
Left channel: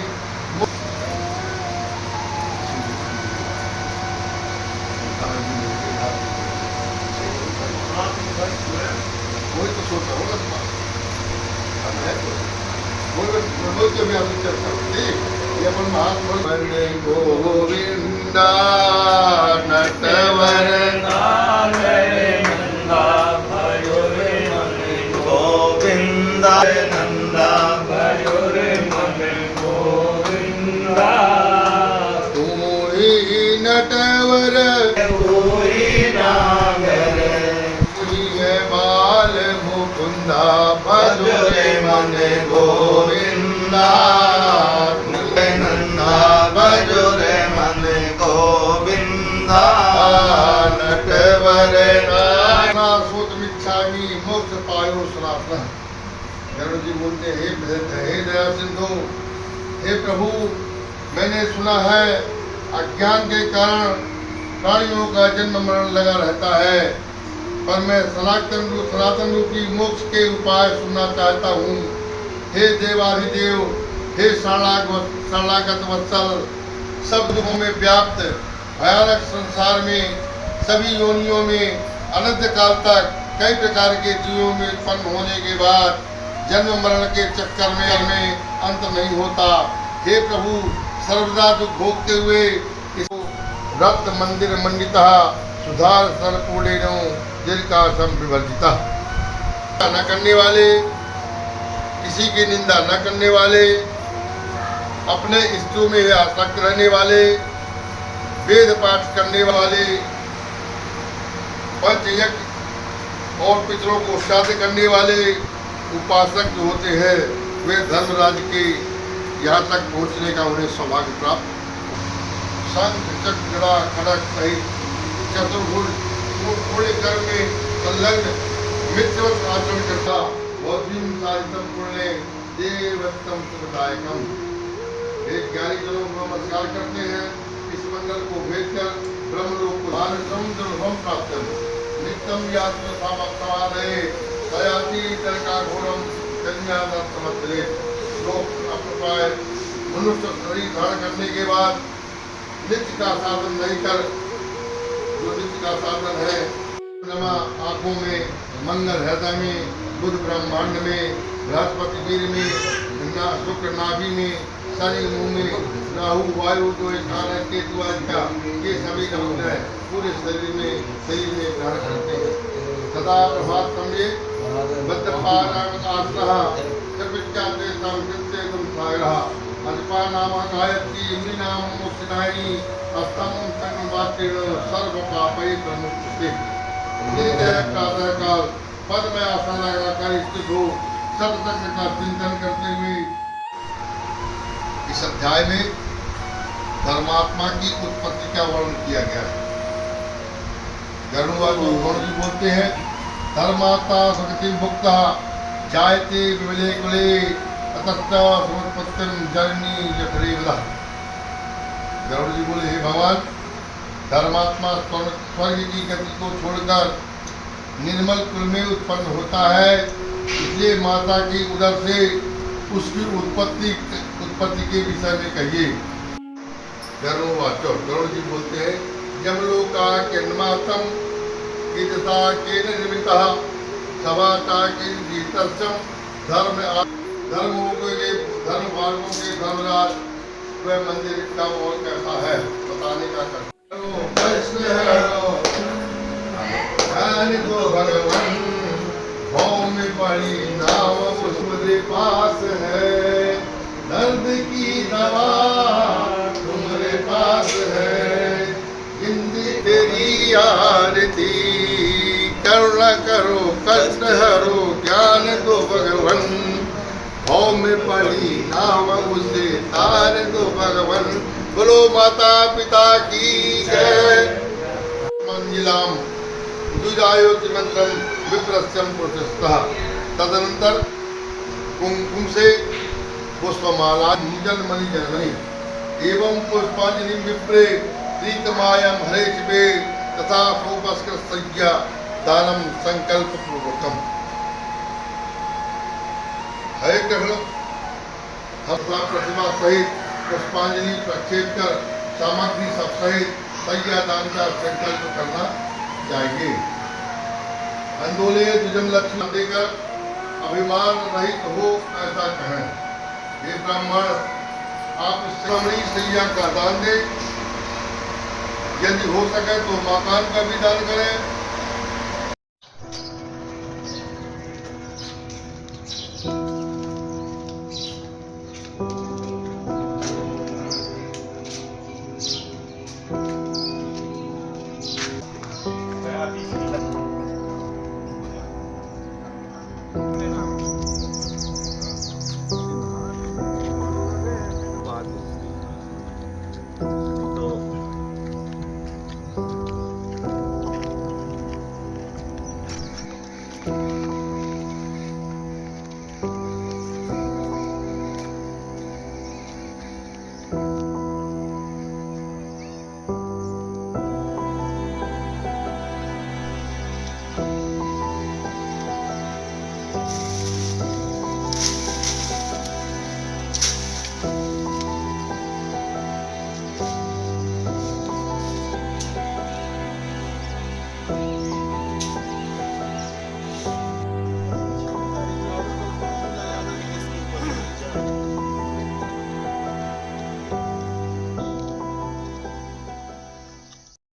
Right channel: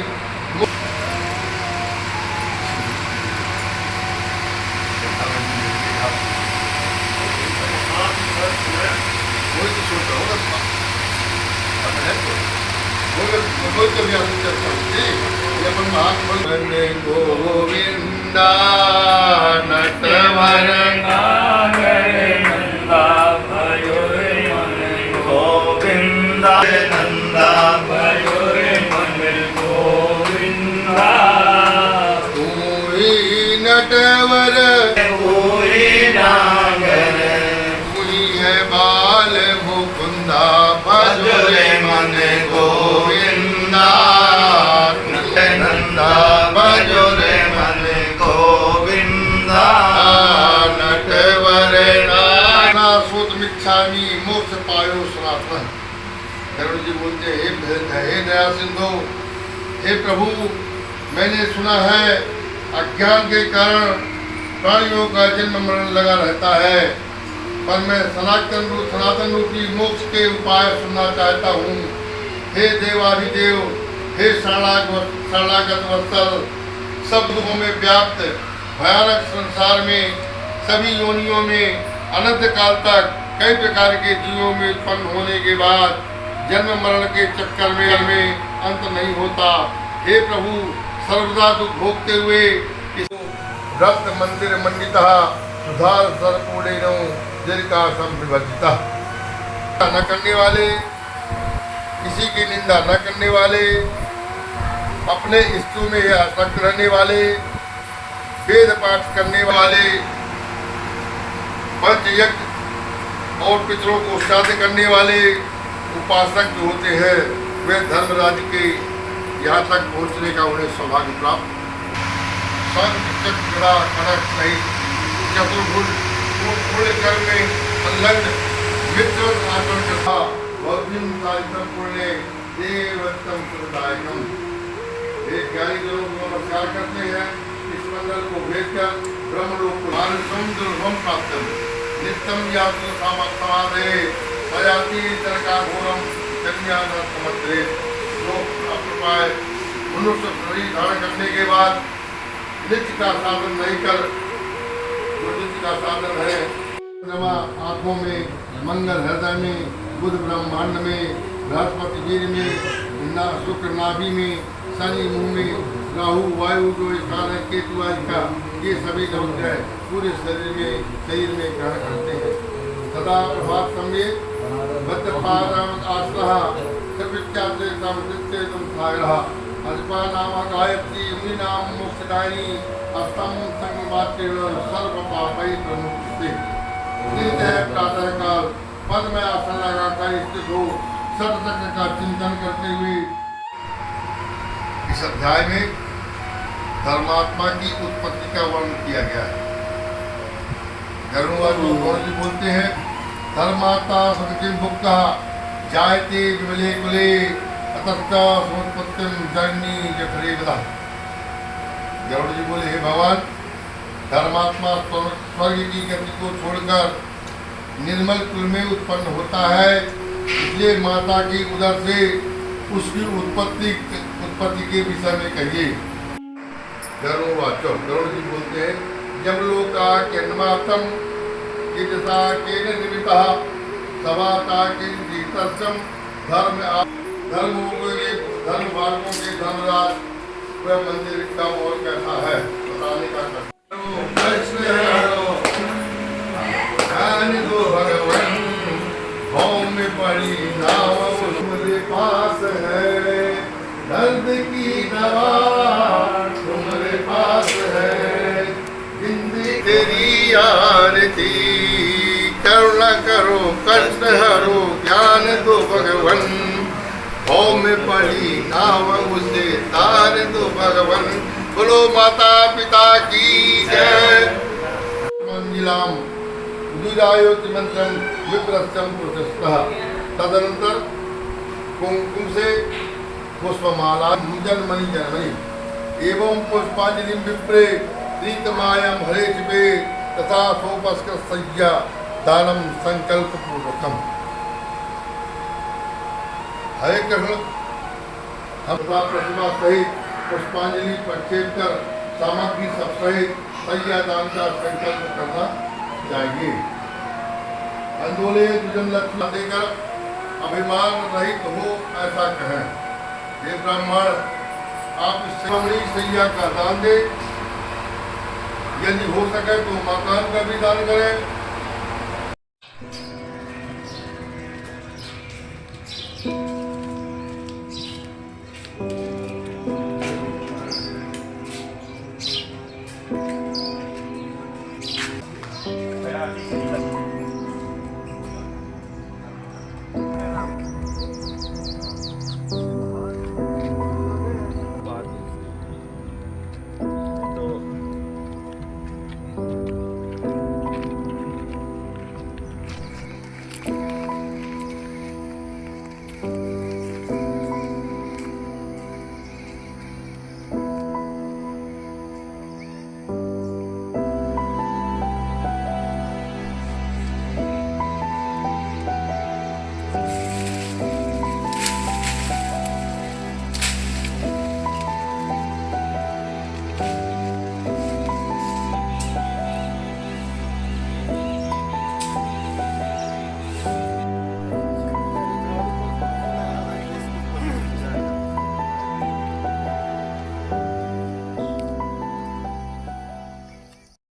गोविंदा नटवर गोविंदा नंदा नटवर मुनि है बाल मुकुंदा भजरे मन गोविंदा नंदा भजरे मन गोविंदा नटवर नासोतमिच्छामि मोक्ष पायो सनातन। गरुड़ जी बोलते हे दया सिंधु, हे प्रभु, मैंने सुना है अज्ञान के कारण प्राणियों का जन्म मरण लगा रहता है, पर मैं सनातन रूपी मोक्ष के उपाय सुनना चाहता हूँ। हे देवाधिदेव, हे शरणागत वत्सल, सब दुखों में व्याप्त भयानक संसार में सभी योनियों में अनंत काल तक कई प्रकार के जीवों में उत्पन्न होने के बाद जन्म मरण के चक्कर में अंत नहीं होता। हे प्रभु, सर्वदा दुख भोगते हुए रक्त मंदिर मंडिता सुधार सर्वपूर्णेनो जिनका संविवर्जिता, न करने वाले, किसी की निंदा न करने वाले, अपने इष्टों में आसक्त रहने वाले, वेद पाठ करने वाले, पंचयज्ञ और पितरों को श्राद्ध करने वाले उपासक जो होते हैं, वे धर्मराज के यहाँ तक पहुँचने का उन्हें सौभाग्य प्राप्त। शंख चक्र गदा खड़ग सहित चतुर्भुज पूरे कर्म में संलग्न मित्र आचरण करता बहुदिन सारितम पूर्णे देवत्तम सुखदायकम। ये ज्ञानी जनों को नमस्कार करते हैं। इस मंडल को भेजकर ब्रह्मलोक को समुद्र प्राप्त नित्यम यातु सामर्थ्य सयाति तरका घोरम कन्या समुद्रे। लोग अप्रपाय मनुष्य शरीर धारण करने के बाद नित्य का साधन नहीं कर, जो नित्य का साधन है आंखों में, मंगल हृदय में, बुध ब्रह्मांड में, बृहस्पति वीर में, शुक्र नाभि में, शनि मुंह में, राहु वायु जो स्थान है, केतु आदि का, ये सभी लोग है पूरे शरीर में ग्रहण करते हैं। सदा प्रभात समय बद्धपादांग आश्रहा सवित्याते संवृत्ते तुम सागरहा अल्पा नाम गायत्री इमी नाम मोक्षदायिनी अस्तम संगमात्रेण सर्व पापै प्रमुक्ते। उदित है प्रातः काल, पद में आसन लगाकर स्थित हो सतचक्र का चिंतन करते हुए इस अध्याय में धर्मात्मा की उत्पत्ति का वर्णन किया गया है। गरुड़वाद जी बोलते हैं, धर्मात्मा सुखिं भुक्ता जायते विमले कुले अतस्ता सोत्पत्तिं जननी यथरे वदा। गरुड़ जी बोले, हे भगवान, धर्मात्मा स्वर्ग की गति को छोड़कर निर्मल कुल में उत्पन्न होता है, इसलिए माता की उदर से उसकी उत्पत्ति के विषय में कहिए। गरुड़ जी बोलते हैं, यमलोका केन्मातम ईदसा केन निमिता सवाता किन जीतस्यम धर्मों के धर्म मार्गों के धर्मराज वह मंदिर का और कैसा है बताने का कृष्ण दो भगवान भौम में पड़ी नाव तुम्हारे पास है, दर्द की दवा तुम्हारे पास है, जिंदगी तेरी आरती करुणा करो कष्ट हरो ज्ञान दो भगवन, भौम में पड़ी नाव उसे तार दो भगवन। बोलो माता पिता की जय। मंजिलाम दुरायोति मंत्रम विप्रस्यम प्रशस्तः। तदनंतर कुमकुम से पुष्पमाला जन्मनि जन्मनि एवं पुष्पांजलि विप्रे प्रीतमायम हरे शिवे तथा सोपस्कृत सज्जा दानम संकल्प पूर्वकम। हरे कृष्ण, हम प्रतिमा सहित पुष्पांजलि प्रक्षेप कर सामग्री सब सहित सैया दान का संकल्प करना चाहिए। अंदोले दुजन लक्ष्य देकर अभिमान रहित हो ऐसा कहें। हे ब्राह्मण, आप इस सैया का दान दें, यदि हो सके तो मकान का भी दान करें।